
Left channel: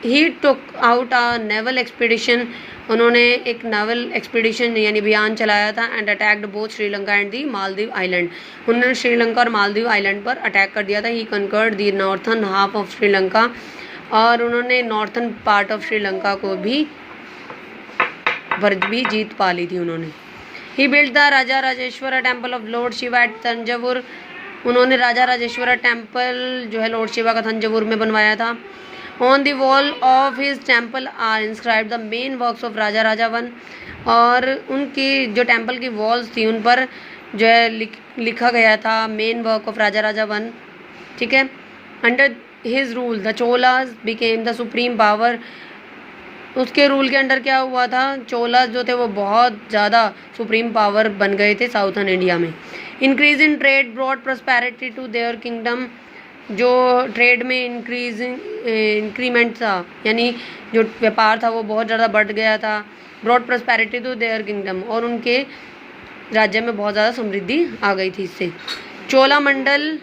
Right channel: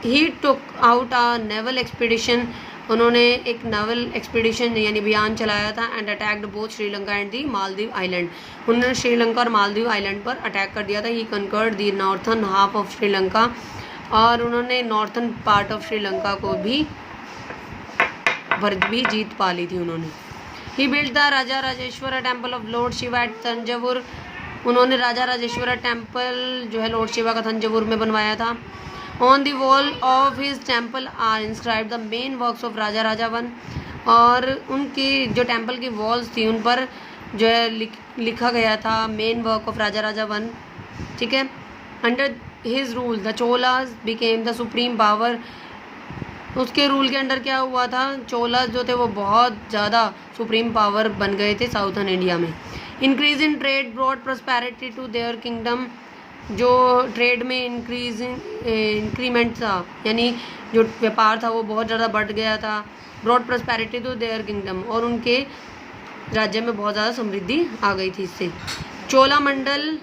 he took out a naval expedition. उन्होंने एक नेवल एक्सपीडिशन यानी अभियान चलाया था and attacked both Sri Lanka and the Maldives island. उन्होंने श्रीलंका और मालदीव आइलैंड पर अटैक कर दिया था। He conquered the northern half of Sri Lanka, और उन्होंने नॉर्थन पार्ट ऑफ श्रीलंका को भी जीत पा ली थी उन्होंने। He build the Raja Rajeshwara temple of lord Shiva at Tanjavur. उन्होंने राजा राजेश्वरा टेम्पल जो है लॉर्ड शिवा का तंजावुर में बनवाया था। On the wall of his temple are inscribe the main works of Raja one. और उनकी जो टेम्पल की वॉल्स थी उन पर जो है लिखा गया था main work of Raja one, ठीक है। Under his rule the Cholas became the supreme power. उसके रूल के अंडर क्या हुआ था? चोलाज जो थे वो बहुत ज़्यादा सुप्रीम पावर बन गए थे साउथर्न इंडिया में। Increase in trade broad prosperity to their kingdom. जो ट्रेड में इंक्रीमेंट था, यानी जो व्यापार था वो बहुत ज़्यादा बढ़ गया था। Broad prosperity to their kingdom, और उनके राज्य में बहुत ज़्यादा समृद्धि आ गई थी इससे। Cholamandal,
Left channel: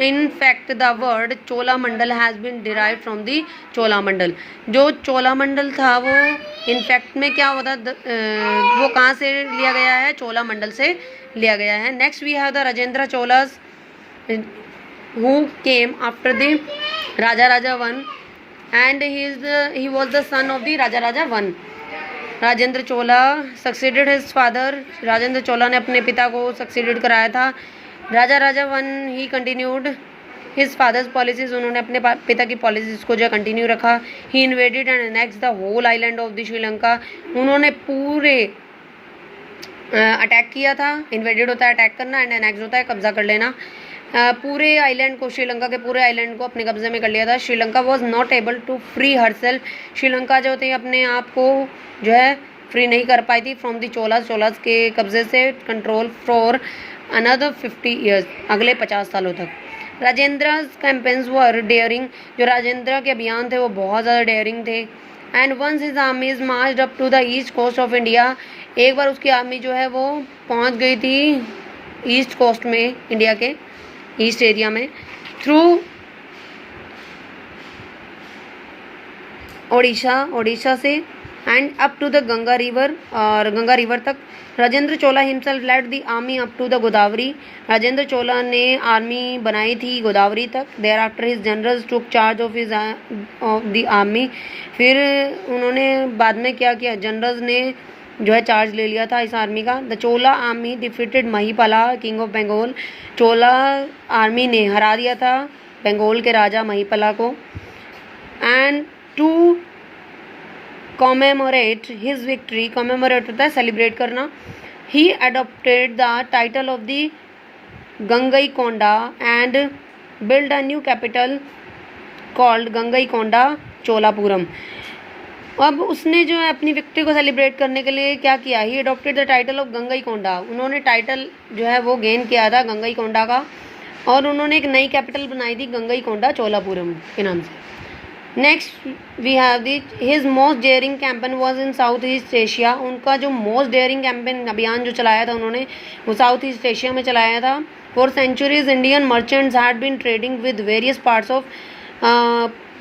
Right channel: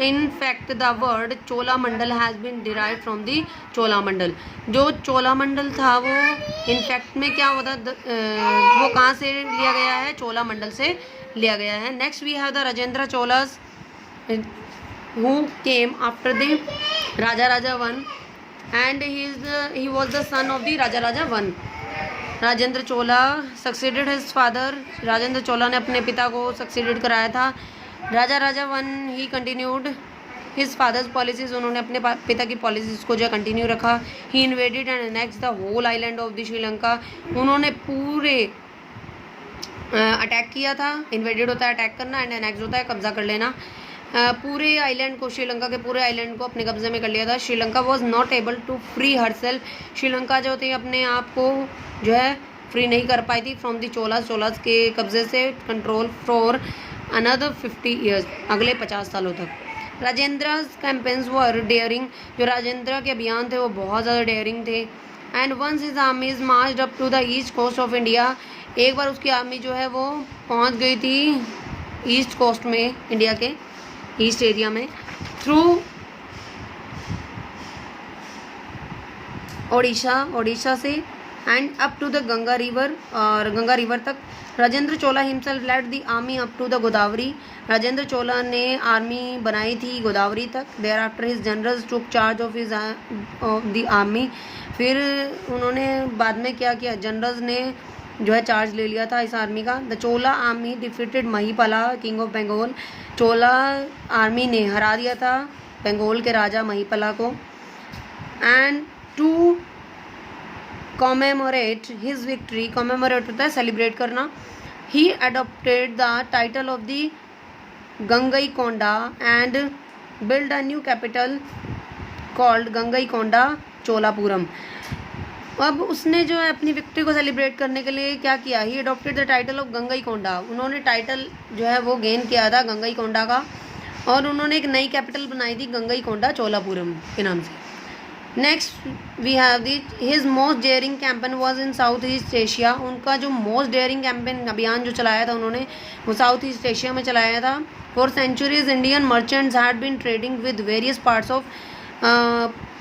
in fact the word Cholamandal has been derive from the Cholamandal. जो चोलामंडल था वो इनफैक्ट में क्या होता, वो कहाँ से लिया गया है, चोलामंडल से लिया गया है। Next we have the Rajendra Cholas who came after the Raja I, and he was the son of the Raja I. Rajendra Chola succeeded his father, Rajendra Chola ने अपने पिता को सक्सीडेड कराया था। Raja I he continued his father's policies, उन्होंने अपने पिता की पॉलिसीज को जो कंटिन्यू रखा। He invaded and annex the whole island of the Sri Lanka, उन्होंने पूरे अटैक किया था। इन्वेडेड होता है अटैक करना, एंड एनेक्स होता है कब्जा कर लेना। पूरे आइलैंड को, श्रीलंका के पूरे आइलैंड को अपने कब्जे में कर लिया था। Sri Lanka was not able to free herself, Sri Lanka जो थी अपने आप को जो है फ्री नहीं कर पाई थी फ्रॉम दी चोलास के कब्जे से, कंट्रोल फॉर अनदर 50 ईयर्स, अगले 50 सालों तक। राजेंद्र कैंपेन्स वर डेयरिंग, जो राजेंद्र के अभियान थे वो बहुत ज़्यादा डेयरिंग थे। And once his armies marched up to the east coast of India, एक बार उसकी आर्मी जो है वो पहुंच गई थी ईस्ट कोस्ट में, इंडिया के ईस्ट एरिया में, थ्रू ओडिशा से, and up to the Ganga river, और गंगा रिवर तक। Rajendra Chola himself led the army up to the Godavari, Rajendra Chola ने आर्मी बनाई थी गोदावरी तक। Thereafter his generals took charge of the army, फिर उन्होंने बाद में क्या किया, जनरल्स ने जो है चार्ज ले लिया था इस आर्मी का। The Chola army defeated Mahipala king of Bengal, Chola army ने हरा दिया था बंगाल के राजा महिपाला को। And to commemorate his victory, commemorate होता है सेलिब्रेट करना, he adopted the title of the Gangaikonda and build a new capital called Gangaikonda Cholapuram. अब उसने जो है अपनी विक्ट्री को सेलिब्रेट करने के लिए क्या किया, he adopted the title of Gangaikonda, उन्होंने टाइटल जो है वो गेन किया था गंगईकोंडा का, और उन्होंने एक नई कैपिटल बनाई थी गंगईकोंडा चोलापुरम के नाम से। Next we have the his most daring campaign was in south east Asia, उनका जो मोस्ट डेयरिंग कैंपेन अभियान जो चलाया था उन्होंने वो साउथ ईस्ट एशिया में चलाया था। For centuries Indian merchants had been trading with various parts of,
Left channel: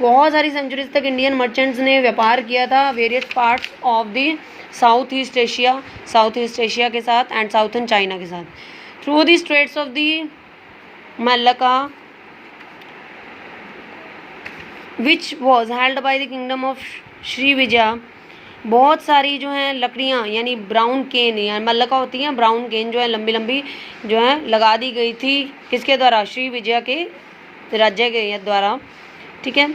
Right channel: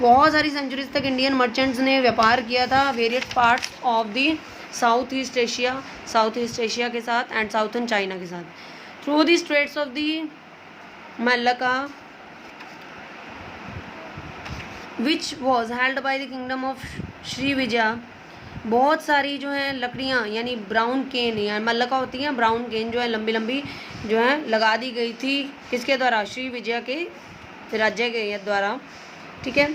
बहुत सारी सेंचुरीज तक इंडियन मर्चेंट्स ने व्यापार किया था various parts of the south east Asia के साथ एंड साउथर्न चाइना के साथ। Through the straits of the Malacca which was held by the kingdom of Shri Vijaya, बहुत सारी जो है लकड़ियाँ यानी ब्राउन केन, यानी मल्लका होती हैं ब्राउन केन जो है लंबी लंबी जो है लगा दी गई थी, किसके द्वारा, श्री विजय के राज्य के द्वारा, ठीक है।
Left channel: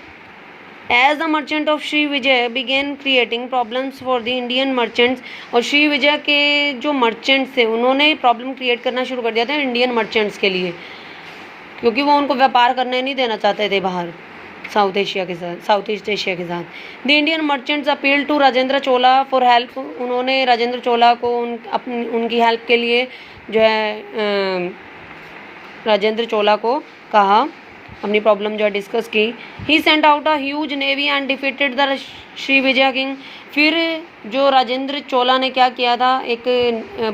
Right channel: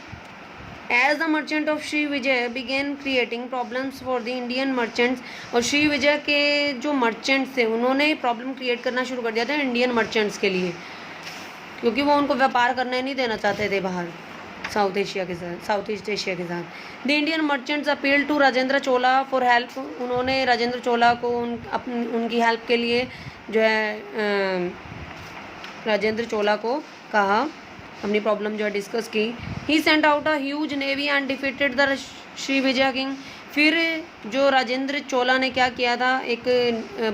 As the merchant of Sri Vijay began creating problems for the Indian merchants, और श्री विजय के जो मर्चेंट्स थे उन्होंने प्रॉब्लम क्रिएट करना शुरू कर दिया था इंडियन मर्चेंट्स के लिए, क्योंकि वो उनको व्यापार करने नहीं देना चाहते थे बाहर साउथ ईस्ट एशिया के साथ। The Indian merchants appeal to Rajendra Chola for help, उन्होंने राजेंद्र चोला को उनकी हेल्प के लिए जो है राजेंद्र चोला को कहा, अपनी प्रॉब्लम जो है डिस्कस की। He sent out a huge navy and defeated the Shri Vijay king, फिर जो राजेंद्र चोला ने क्या किया था, एक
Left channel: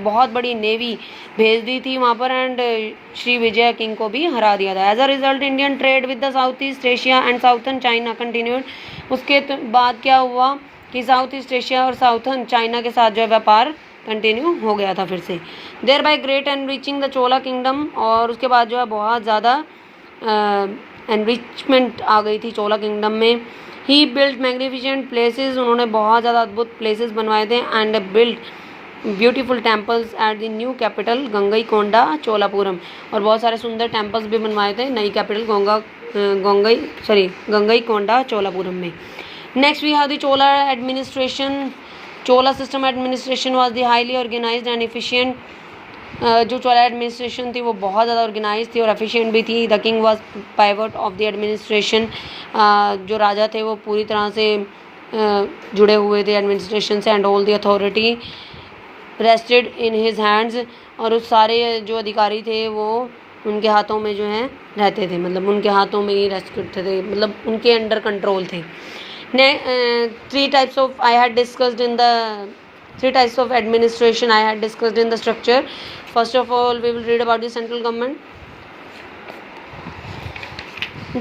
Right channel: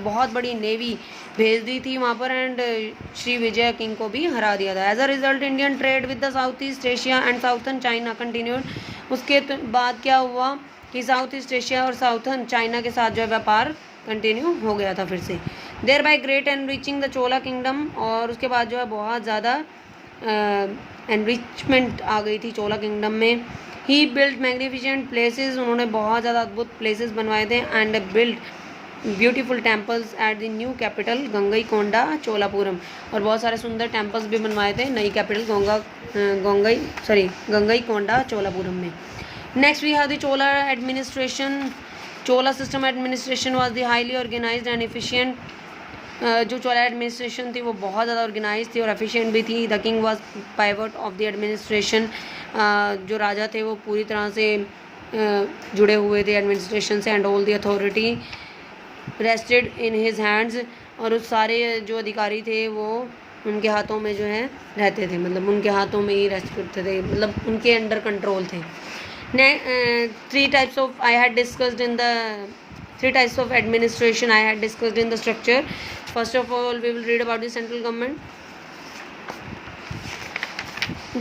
बहुत बड़ी नेवी भेज दी थी वहाँ पर, एंड श्री विजय किंग को भी हरा दिया था। As a result Indian trade with the south east Asia and southern China continued, उसके बाद क्या हुआ कि साउथ ईस्ट एशिया और साउथर्न चाइना के साथ जो व्यापार कंटिन्यू हो गया था फिर से। Thereby great enriching the Chola kingdom, और उसके बाद जो है बहुत ज़्यादा एनरिचमेंट आ गई थी चोला किंगडम में। ही बिल्ड मैग्निफिसेंट प्लेसेस, उन्होंने बहुत ज़्यादा अद्भुत प्लेसेस बनवाए थे, and build beautiful temples at the new capital Gangaikonda Cholapuram, और बहुत सारे सुंदर टेम्पल्स भी बनवाए थे नई कैपिटल गंगईकोंडा चोलापुरम में। Next we have the Chola administration, Chola system administration was the highly organised and efficient, जो चोला एडमिनिस्ट्रेशन थी वो बहुत ज़्यादा ऑर्गेनाइज थी और एफिशिएंट भी थी। The king was pivot of the administration, जो राजा थे वो पूरी तरह से जुड़े हुए थे एडमिनिस्ट्रेशन से, and all the authority rested in his hands, और उस सारे जो अधिकारी थे वो उनके हाथों में जो है रहते थे, मतलब उनके हाथों में ही रेस्ट करते थे, मतलब उनके अंडर कंट्रोल थे। Three types of I had discussed in the three types of administration I had discussed in the structure. First of all, we will read about the central government.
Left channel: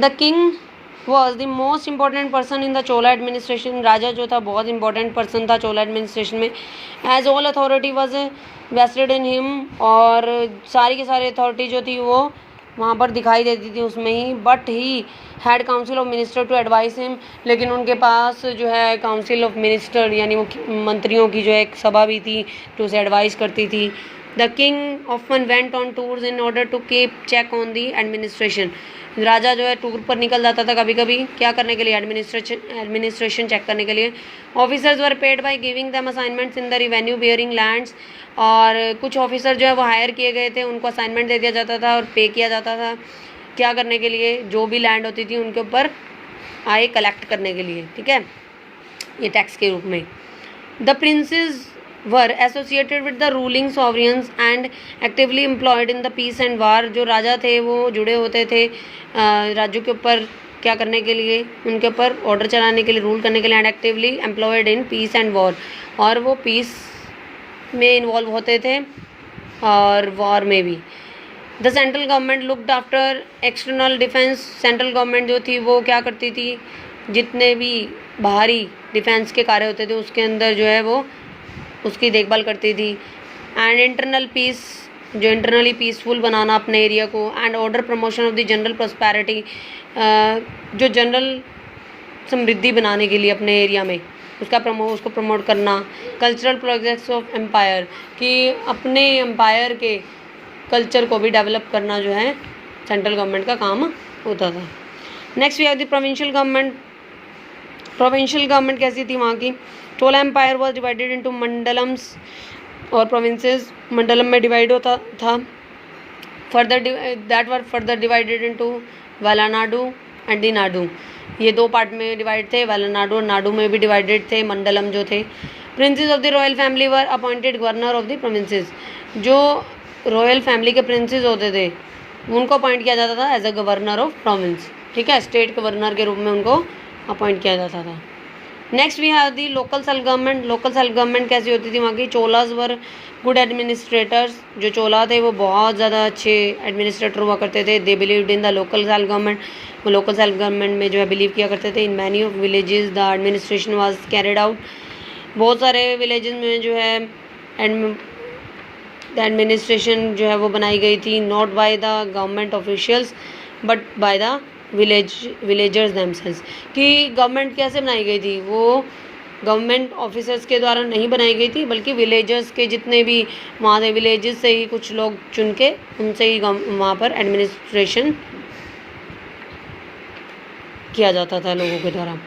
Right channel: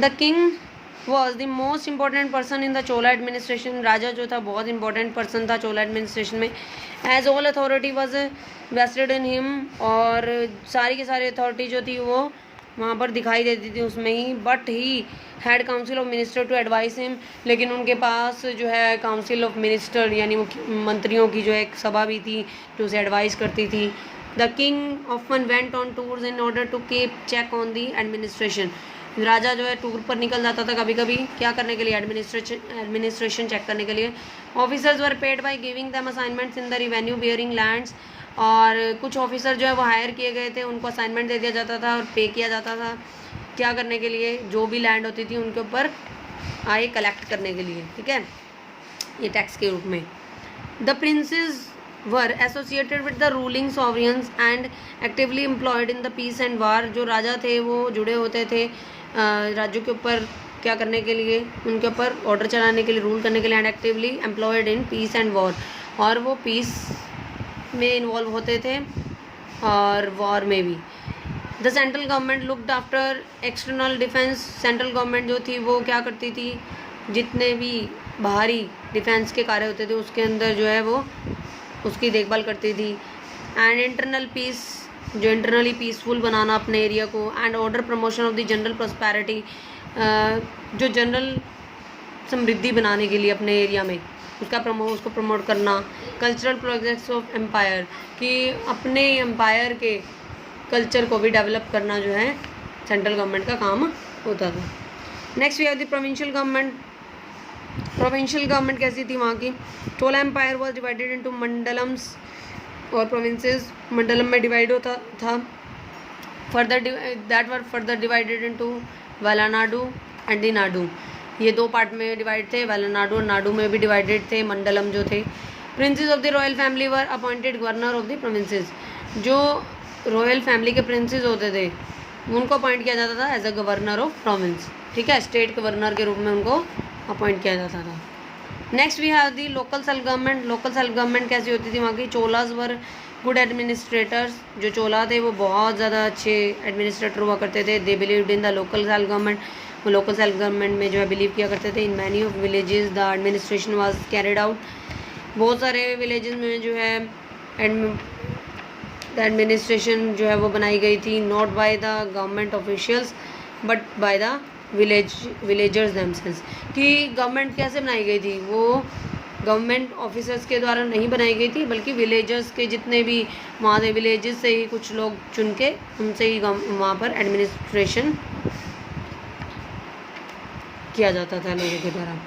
The king was the most important person in the Chola administration. राजा जो था बहुत important person था चोला administration में. As all authority was vested in him, और सारी की सारी authority जो थी वो वहाँ पर दिखाई देती थी उसमें ही. But he had council of minister to advise him, लेकिन उनके पास जो है council of minister यानी मंत्रियों की जो एक सभा भी थी जो उसे एडवाइस करती थी. The king often went on tours in order to keep check on the administration. राजा जो है टूर पर निकल जाता था कभी कभी, क्या करने के लिए, एडमिनिस्ट्रेशन चेक करने के लिए. Officers were paid by giving them assignments in the revenue bearing lands, और कुछ ऑफिसर जो है वो हायर किए गए थे, उनको असाइनमेंट दे दिया जाता था और पे किया जाता था क्या करने के लिए, जो भी लैंड होती थी उनके ऊपर आय कलेक्ट करने के लिए, ठीक है, ये टैक्स के रूप में. The princes were associated with the ruling sovereigns and actively employed in the peace and war. जो राजा थे वो जुड़े होते थे राज्यों के ऊपर क्या करने के लिए, उनके ऊपर ऑर्डर चलाने के लिए, रूल करने के लिए, and actively employed in peace and war, और वो पीस में इन्वॉल्व होते थे और वॉर में भी. The central government looked after external defence. Central government जो थी वो क्या करती थी, जितने भी बाहरी डिफेंस के कार्य होते थे उसके अंदर जो है वो उसकी देखभाल करती थी. एंड इंटरनल पीस, जो इंटरनली पीसफुल बनाना अपने एरिया को. And order promotion of the general prosperity, जो जनरल समृद्धि बनाने के लिए अपने एरिया में उसको प्रमोट करना. कल्चरल प्रोजेक्ट्स ऑफ एम्पायर, कि अपने एम्पायर के कल्चर को भी डेवलप करना जो है सेंट्रल गवर्नमेंट का काम होता था. Next we have the provincial government. Provincial government कैसी थी वहाँ की. Chola empire was divided into mandalams, और प्रोविंसेस मंडलम में डिवाइड होता था. Further divided into Valanadu and the nadu. ये दो पार्ट में डिवाइड थे, वेलानाडु और नाडु में भी डिवाइडेड थे मंडलम जो थे. Princes of the royal family were appointed governor of the provinces. जो रॉयल फैमिली के प्रिंसेस होते थे उनको अपॉइंट किया जाता था as a governor of province, ठीक है, स्टेट गवर्नर के रूप में उनको अपॉइंट किया जाता था. Next we have the local self government. Local self government कैसी होती थी वहाँ की. Cholas were good administrators. जो चोला थे वो बहुत ज़्यादा अच्छे एडमिनिस्ट्रेटर हुआ करते थे. They believed in the local self government. वो लोकल सेल्फ गवर्नमेंट में जो है बिलीव किया करते थे. In many of villages the administration was carried out. बहुत सारे विलेजेस में जो है द एडमिनिस्ट्रेशन जो है वो बनाई गई थी, not by the government officials but by the villagers themselves. कि गवर्नमेंट कैसे बनाई गई थी, वो गवर्नमेंट ऑफिसर्स के द्वारा नहीं बनाई गई थी, बल्कि विलेजर्स के जितने भी वहाँ से विलेजेस से ही कुछ लोग चुन के उनसे ही वहाँ पर एडमिनिस्ट्रेशन किया जाता था लोगों के द्वारा.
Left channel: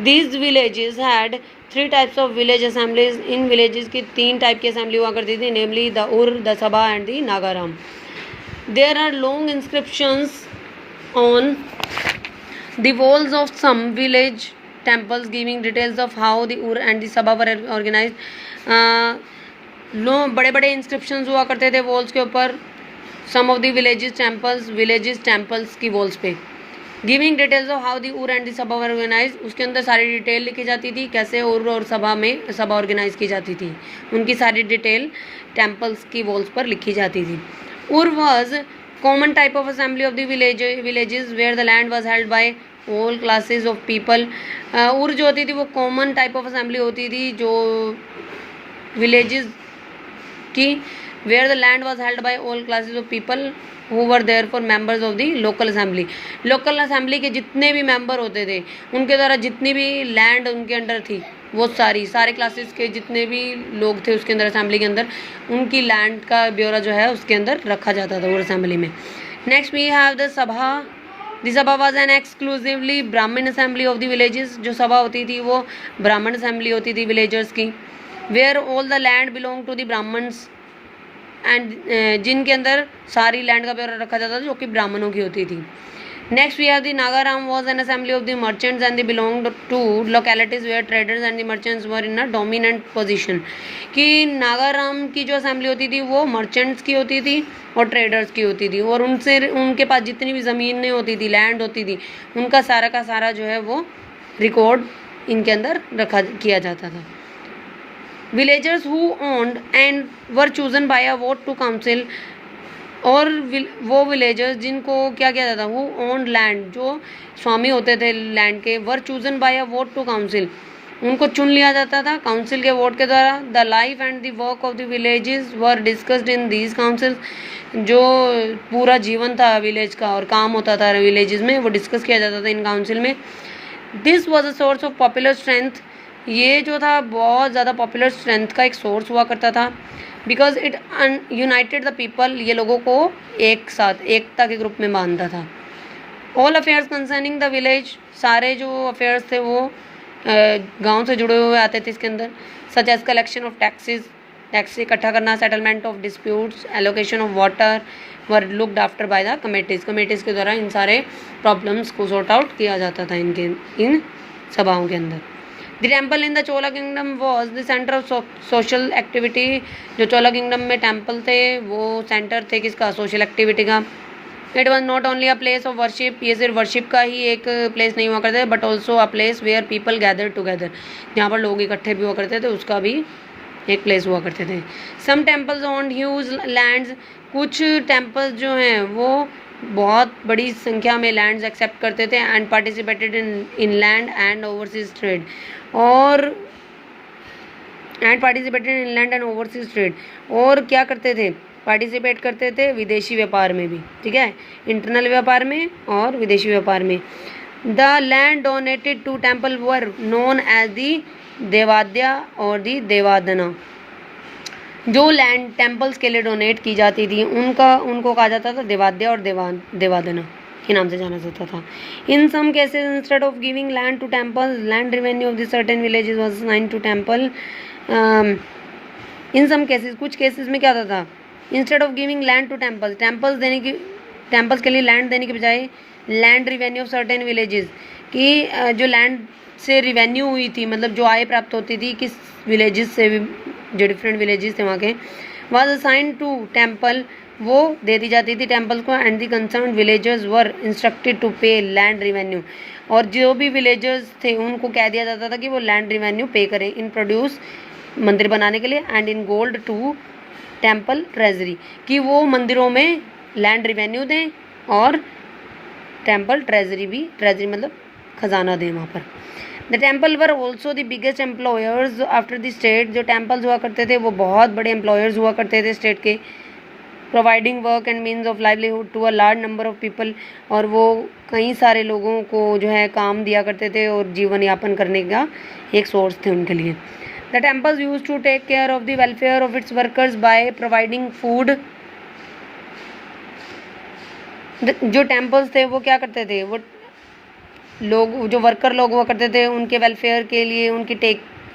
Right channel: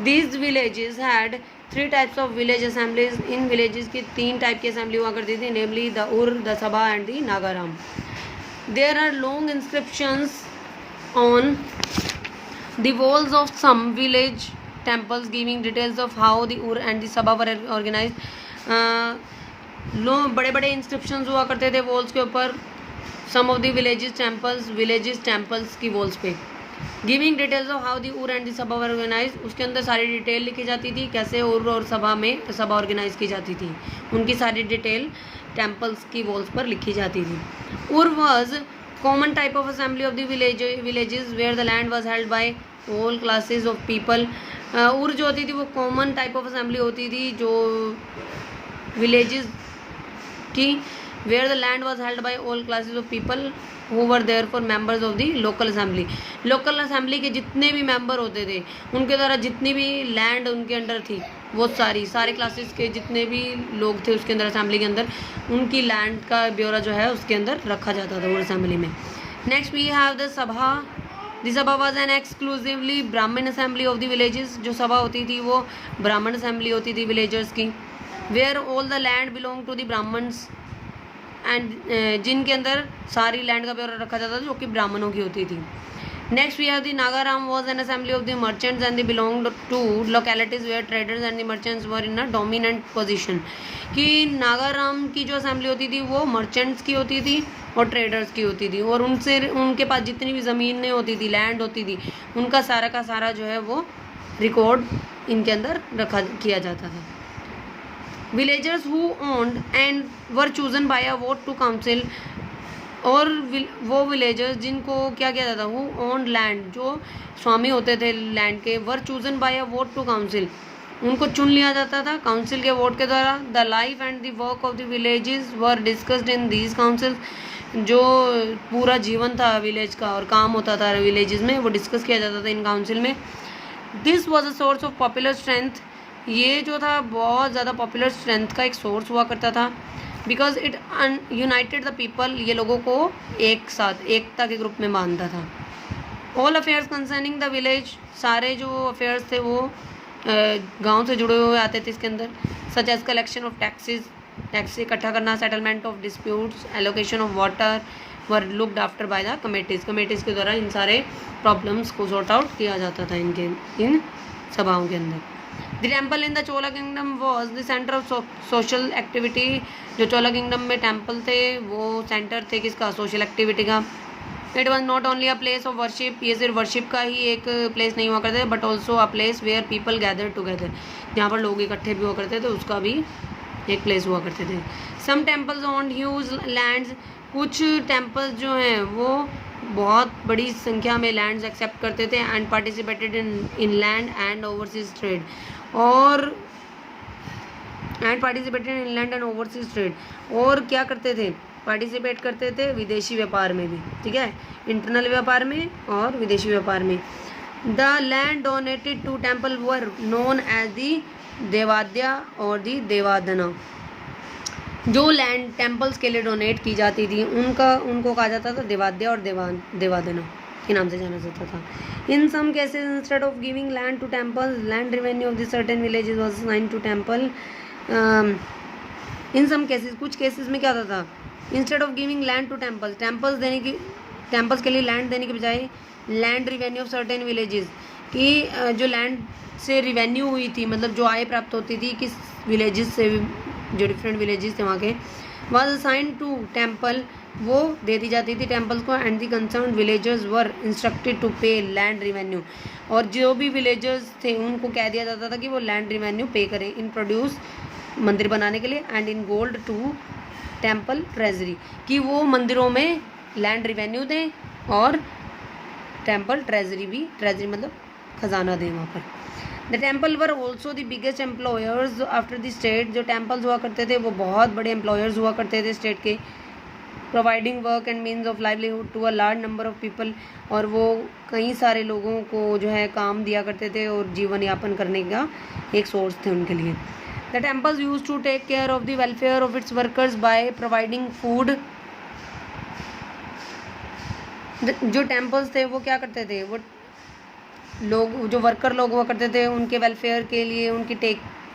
These villages had 3 types of village assemblies. इन विलेजेस की 3 टाइप की असेंबली हुआ करती थी, namely the ur, the sabha and the Nagaram. There are long inscriptions on the walls of some village temples giving details of how the ur and the sabha were organized. बड़े बड़े inscriptions हुआ करते थे वॉल्स के ऊपर, सम ऑफ द विलेजेस टेम्पल्स की walls पे. Giving details of how the उर एंड द सभा वर ऑर्गेनाइज. उसके अंदर सारी डिटेल लिखी जाती थी, कैसे उर और सभा ऑर्गेनाइज की जाती थी, उनकी सारी डिटेल टेम्पल्स की वॉल्स पर लिखी जाती थी. उर was common type of assembly of the villages where the land was held by all classes of people. उर जो होती थी वो कॉमन टाइप ऑफ असेंबली होती थी जो विलेजेस की, where the land was held by all classes of people who were therefore members of the local assembly. Local assembly के जितने भी मेंबर होते थे उनके द्वारा जितनी भी लैंड उनके अंडर थी वो सारे क्लासेस के जितने भी लोग थे उसके अंदर असेंबली के अंदर उनकी लैंड का ब्यौरा जो है उसके अंदर रखा जाता था वो असेंबली में. नेक्स्ट वी हैव द सभा. द सभा वाज एन एक्सक्लूसिवली ब्राह्मण असेंबली ऑफ द विलेजेस. जो सभा होती थी वो ब्राह्मण असेंबली होती थी विलेजर्स की. Where all the land belong to the Brahmans एंड जिनके अंदर सारी लैंड का ब्यौरा रखा जाता था जो कि ब्राह्मणों की होती थी. Next we have the Nagaram was an assembly of the merchants and they belonged to localities where traders and the merchants were in a dominant position. कि नागाराम की जो असेंबली होती थी वो मर्चेंट्स की होती थी और ट्रेडर्स की होती थी, और उनसे उनके पास जितनी भी ज़मीनें होती थी, लैंड होती थी, उनका सारा का सारा जो है वो रिकॉर्ड इनके अंदर रखा किया जाता था. Villagers who owned and were chosen by a vote to council, और वो विलेजर्स जिनको क्या किया जाता, वो ओन लैंड, जो स्वामी होते थे लैंड के, were chosen by a vote to council, उनको चुन लिया जाता था काउंसिल के वोट के द्वारा. The life and the work of the villages were discussed in these council, जो पूरा जीवन था विलेज का और काम होता था विलेजेस में, वो डिस्कस किया जाता था इन काउंसिल में. This was a source of popular strength, ये जो था बहुत ज़्यादा पॉपुलर स्ट्रेंथ का एक सोर्स हुआ करता था. Because it United the people, ये लोगों को एक साथ एकता के ग्रुप में बांधता था. All affairs concerning the village, सारे जो अफेयर्स थे वो गांव से जुड़े हुए आते थे इसके अंदर. Such as collection of taxes, tax इकट्ठा करना, settlement of disputes, allocation of water were looked after by the committees, committees के द्वारा इन सारे प्रॉब्लम्स को सॉर्ट आउट किया जाता था इन सभाओं के अंदर. The temple in the Chola kingdom was the centre of social activity, जो चोला किंगडम में टेम्पल थे वो सेंटर थे किसका, सोशल एक्टिविटी का. It was not only a place of worship, ये सिर्फ वर्शिप का ही एक प्लेस नहीं हुआ करते, but also a place where people gather together, जहाँ पर लोग इकट्ठे भी हुआ करते थे, उसका भी एक प्लेस हुआ करते थे. Some temples on huge lands, कुछ टेम्पल्स जो हैं वो बहुत बड़ी संख्या में लैंड्स एक्सेप्ट करते थे. And participated in land and overseas trade, और participated in land and overseas trade, और क्या करते थे, पार्टिसिपेट करते थे विदेशी व्यापार में भी, ठीक है, इंटरनल व्यापार में और विदेशी व्यापार में. The land donated to temple were known as the devadeya और दी देवादना, जो लैंड टेम्पल्स के लिए डोनेट की जाती थी उनको कहा जाता था देवाद्या और देवादना के नाम से जाना जाता था. In some cases instead of giving land to temples, land revenue of the certain villages was assigned to temple. In some cases, कुछ केसेस में क्या होता था, instead of giving land to temples के लिए लैंड देने के बजाय land revenue of certain villages, कि जो लैंड से रिवेन्यू हुई थी, मतलब जो आय प्राप्त होती थी किस विलेजेस से, जो डिफरेंट विलेजेस थे वहाँ के, वाज असाइन टू टेम्पल, वो दे दी जाती थी टेम्पल्स को. And the concern villagers were instructed to pay land revenue, और जो भी विलेजर्स थे उनको कह दिया जाता था कि वो लैंड रिवेन्यू पे करें इन प्रोड्यूस, मंदिर बनाने के लिए, and in gold to temple treasury, कि वो मंदिरों में लैंड रिवेन्यू दें और टेम्पल ट्रेजरी भी, ट्रेजरी मतलब खजाना दें वहाँ पर. The temple were also the biggest employers after the state, जो टेम्पल्स हुआ करते थे वो बहुत बड़े एम्प्लॉयर्स हुआ करते थे स्टेट के. Providing work and means of livelihood to a large number of people, और वो कई सारे लोगों को जो है काम दिया करते थे और जीवन यापन करने का एक सोर्स थे उनके लिए. The temples use to take care of the welfare of its workers by providing food. जो टेम्पल्स थे वो क्या करते थे, वो लोग जो वर्कर लोग हुआ करते थे उनके वेलफेयर के लिए उनकी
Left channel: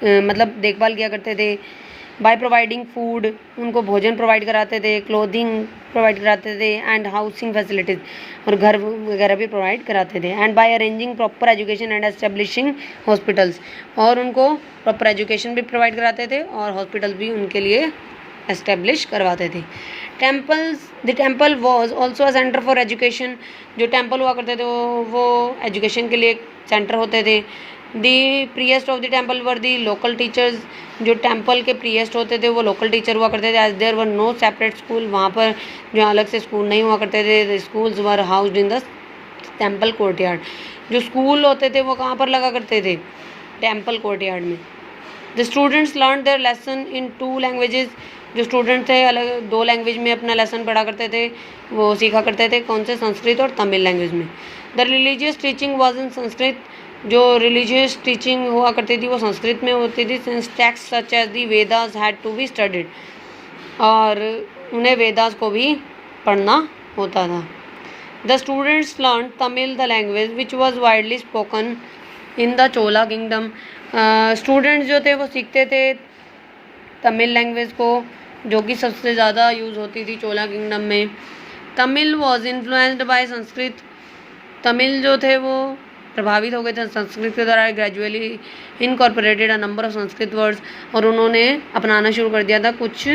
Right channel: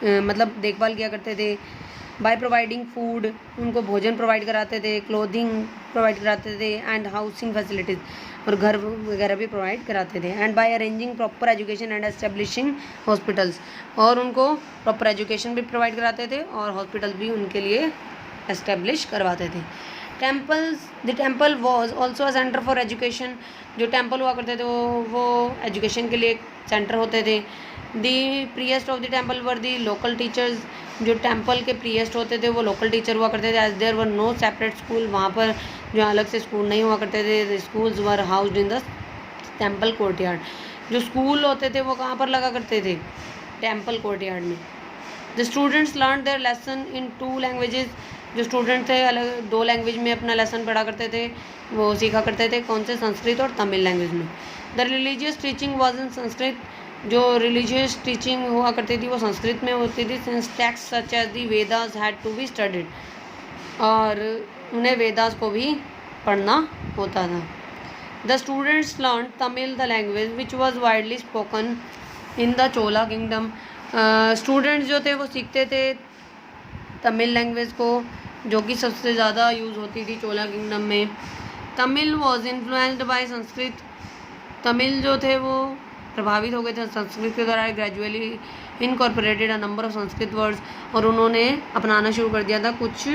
मतलब देखभाल किया करते थे. बाय प्रोवाइडिंग फूड, उनको भोजन प्रोवाइड कराते थे, क्लोथिंग प्रोवाइड कराते थे, एंड हाउसिंग फैसिलिटीज़, और घर वगैरह भी प्रोवाइड कराते थे. And by arranging proper education and establishing hospitals, और उनको प्रॉपर एजुकेशन भी प्रोवाइड कराते थे और हॉस्पिटल्स भी उनके लिए एस्टेब्लिश करवाते थे. The temple was also a centre for education, जो टेम्पल हुआ करते थे वो एजुकेशन के लिए एक सेंटर होते थे. The priest of the temple were the local teachers, जो टेम्पल के प्रीएस्ट होते थे वो लोकल टीचर हुआ करते थे. As there were no separate school, वहाँ पर जो अलग से स्कूल नहीं हुआ करते थे. Schools were housed in the temple courtyard, जो स्कूल होते थे वो कहाँ पर लगा करते थे, टेम्पल कोर्टयार्ड में. The students learn their lesson in 2 languages, जो स्टूडेंट थे अलग 2 लैंग्वेज में अपना लेसन पढ़ा करते थे, वो सीखा करते थे. कौन से, संस्कृत और तमिल लैंग्वेज में. The religious teaching was in Sanskrit, जो रिलीजियस टीचिंग हुआ करती थी वो संस्कृत में होती थी. Since texts such as the Vedas had to be studied, और उन्हें वेदास को भी पढ़ना होता था. The students learn Tamil the language which was widely spoken in the Chola kingdom. Students जो थे वो सीखते थे तमिल लैंग्वेज को, जो कि सबसे ज़्यादा यूज़ होती थी चोला किंगडम में. Tamil was influenced by Sanskrit, Tamil जो थे वो प्रभावित हो गए थे संस्कृत के द्वारा, gradually incorporated a number of Sanskrit words, और उन्होंने अपनाना शुरू कर दिया था कुछ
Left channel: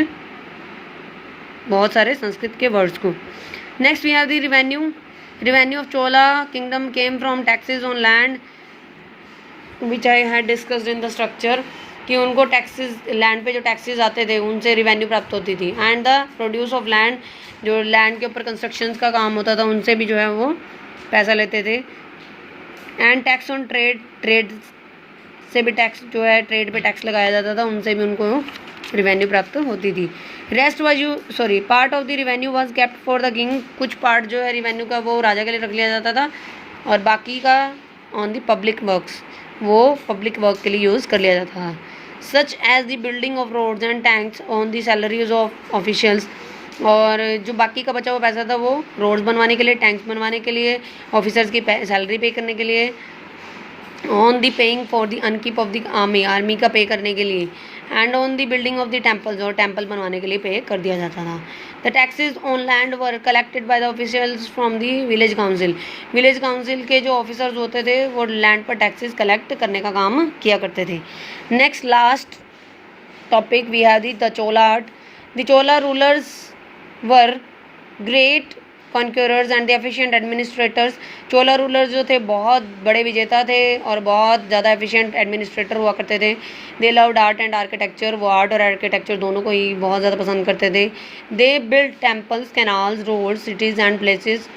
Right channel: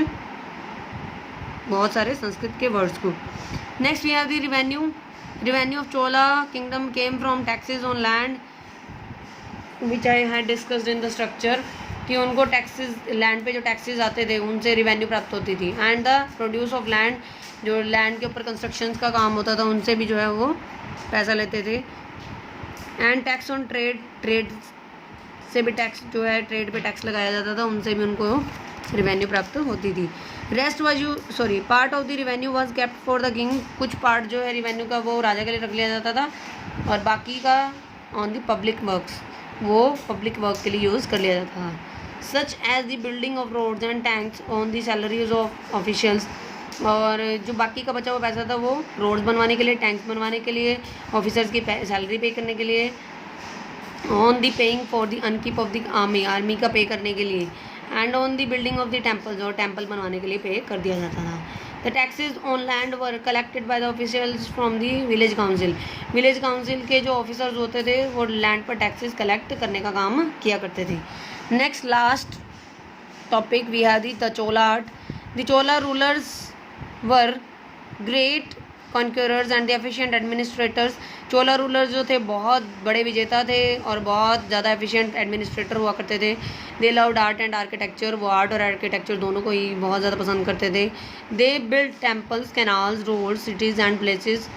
बहुत सारे संस्कृत के वर्ड्स को। Next we have the revenue of Chola kingdom came from taxes on land which I had discussed in the structure, कि उनको टैक्सेस, लैंड पे जो टैक्सेस आते थे उनसे रिवेन्यू प्राप्त होती थी। And the produce of land, जो लैंड के ऊपर कंस्ट्रक्शन का काम होता था उनसे भी जो है वो पैसा लेते थे। एंड टैक्स ऑन ट्रेड से भी टैक्स जो है, ट्रेड पे टैक्स लगाया जाता था, उनसे भी उनको रिवेन्यू प्राप्त होती थी। Rest part of the revenue was kept for the king, कुछ पार्ट जो है रिवेन्यू का वो राजा के लिए रख लिया जाता था, और बाकी का ऑन द पब्लिक वर्क्स, वो पब्लिक वर्क के लिए यूज़ कर लिया जाता था। Such as the building of roads and tanks on the salaries of officials, और जो बाकी का बचा हुआ पैसा था वो रोड्स बनवाने के लिए, टैंक्स बनवाने के लिए, ऑफिसर्स की सैलरी पे करने के लिए, on the paying for the upkeep of the army का पे करने के लिए, and on the building of the temples, और टेम्पल बनवाने के लिए पे कर दिया जाता था। The taxes on land were collected by the officials from the village council, village council के जो ऑफिसर्स होते थे वो लैंड पर टैक्सेस कलेक्ट करने का काम किया करते थे। Next last topic we have the Chola art. The Chola rulers were great conquerors and the efficient administrators, Chola rulers जो थे बहुत बड़े विजेता थे और बहुत ज़्यादा एफिशिएंट एडमिनिस्ट्रेटर हुआ करते थे। They loved art and architecture, वो आर्ट और आर्किटेक्चर दोनों को ही बहुत ज़्यादा पसंद करते थे। They build temples, canals, roads, cities and places,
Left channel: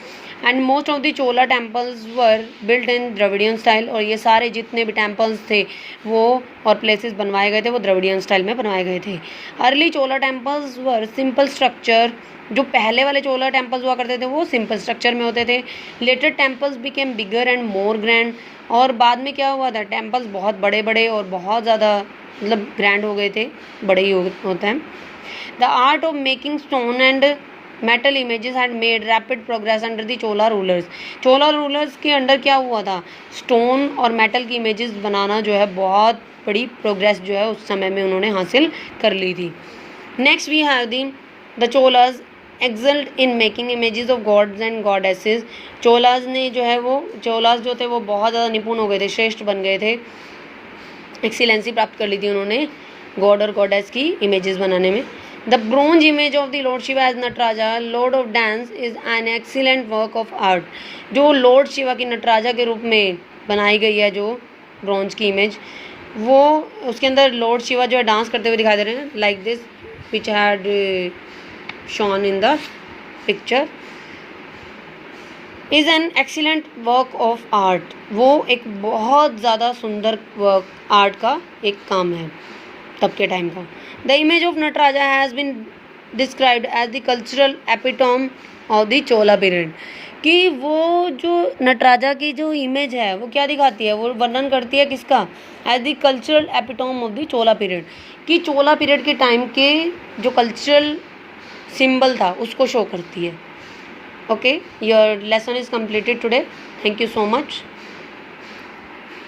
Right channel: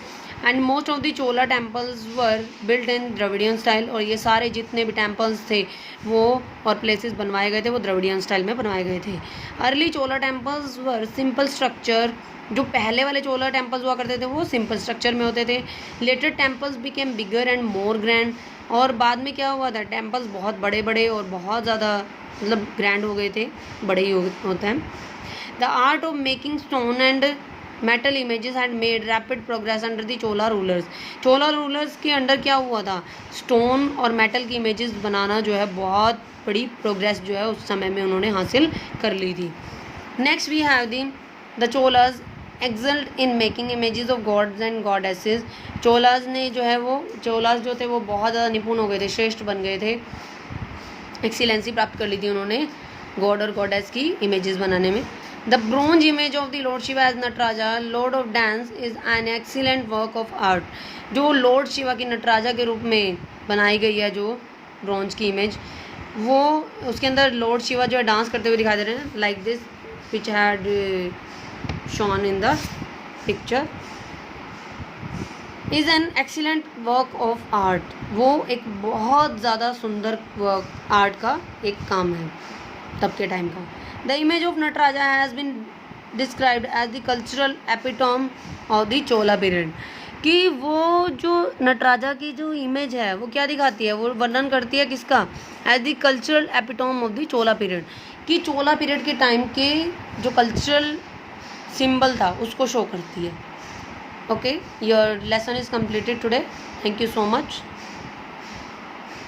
and most of the Chola temples were built in Dravidian style, और ये सारे जितने भी टेम्पल्स थे वो और प्लेसेस बनवाए गए थे वो द्रविडियन स्टाइल में बनवाए गए थे। Early Chola temples were simple structure, जो पहले वाले चोला टेम्पल्स हुआ करते थे वो सिंपल स्ट्रक्चर में होते थे। Later temples became bigger and more grand, और बाद में क्या हुआ था, टेम्पल्स बहुत बड़े बड़े और बहुत ज़्यादा मतलब ग्रैंड हो गए थे, बड़े ही होते हैं। The art of making stone and metal images had made rapid progress under the Chola rulers, Chola rulers के अंडर क्या हुआ था, स्टोन और मेटल की इमेजेस बनाना जो है बहुत बड़ी प्रोग्रेस जो है उस समय में उन्होंने हासिल कर ली थी। Next we have the Cholas excelled in making images of gods and goddesses, Cholas ने जो है वो, चोलास जो थे वो बहुत ज़्यादा निपुण हो गए थे, श्रेष्ठ बन गए थे, एक्सीलेंसी प्राप्त कर ली थी उन्होंने गॉड और गॉडेस की इमेजेस बनाने में। The bronze image of the lord Shiva as Nataraja lord of dance is an excellent work of art, जो लॉर्ड शिवा की नटराजा के रूप में बनाई गई है जो ब्रोंज की इमेज, वो उसके अंदर लॉर्ड शिवा जो है डांस करते हुए दिखाई दे रहे हैं, like this which had shown in the picture, is an excellent work of art, वो एक बहुत ज़्यादा सुंदर वर्क आर्ट का एक काम है तब के टाइम का। The image of Nataraja has been described as the cultural epitome of the Chola period, कि वो जो नटराजा की जो इमेज है वो क्या दिखाती है, वो वर्णन करती है किसका, as the cultural epitome of the Chola period, कि चोला पीरियड के टाइम के जो कल्चरल सिंबल था उसको शो करती है। Okay, your lesson is completed today. Thank you so much.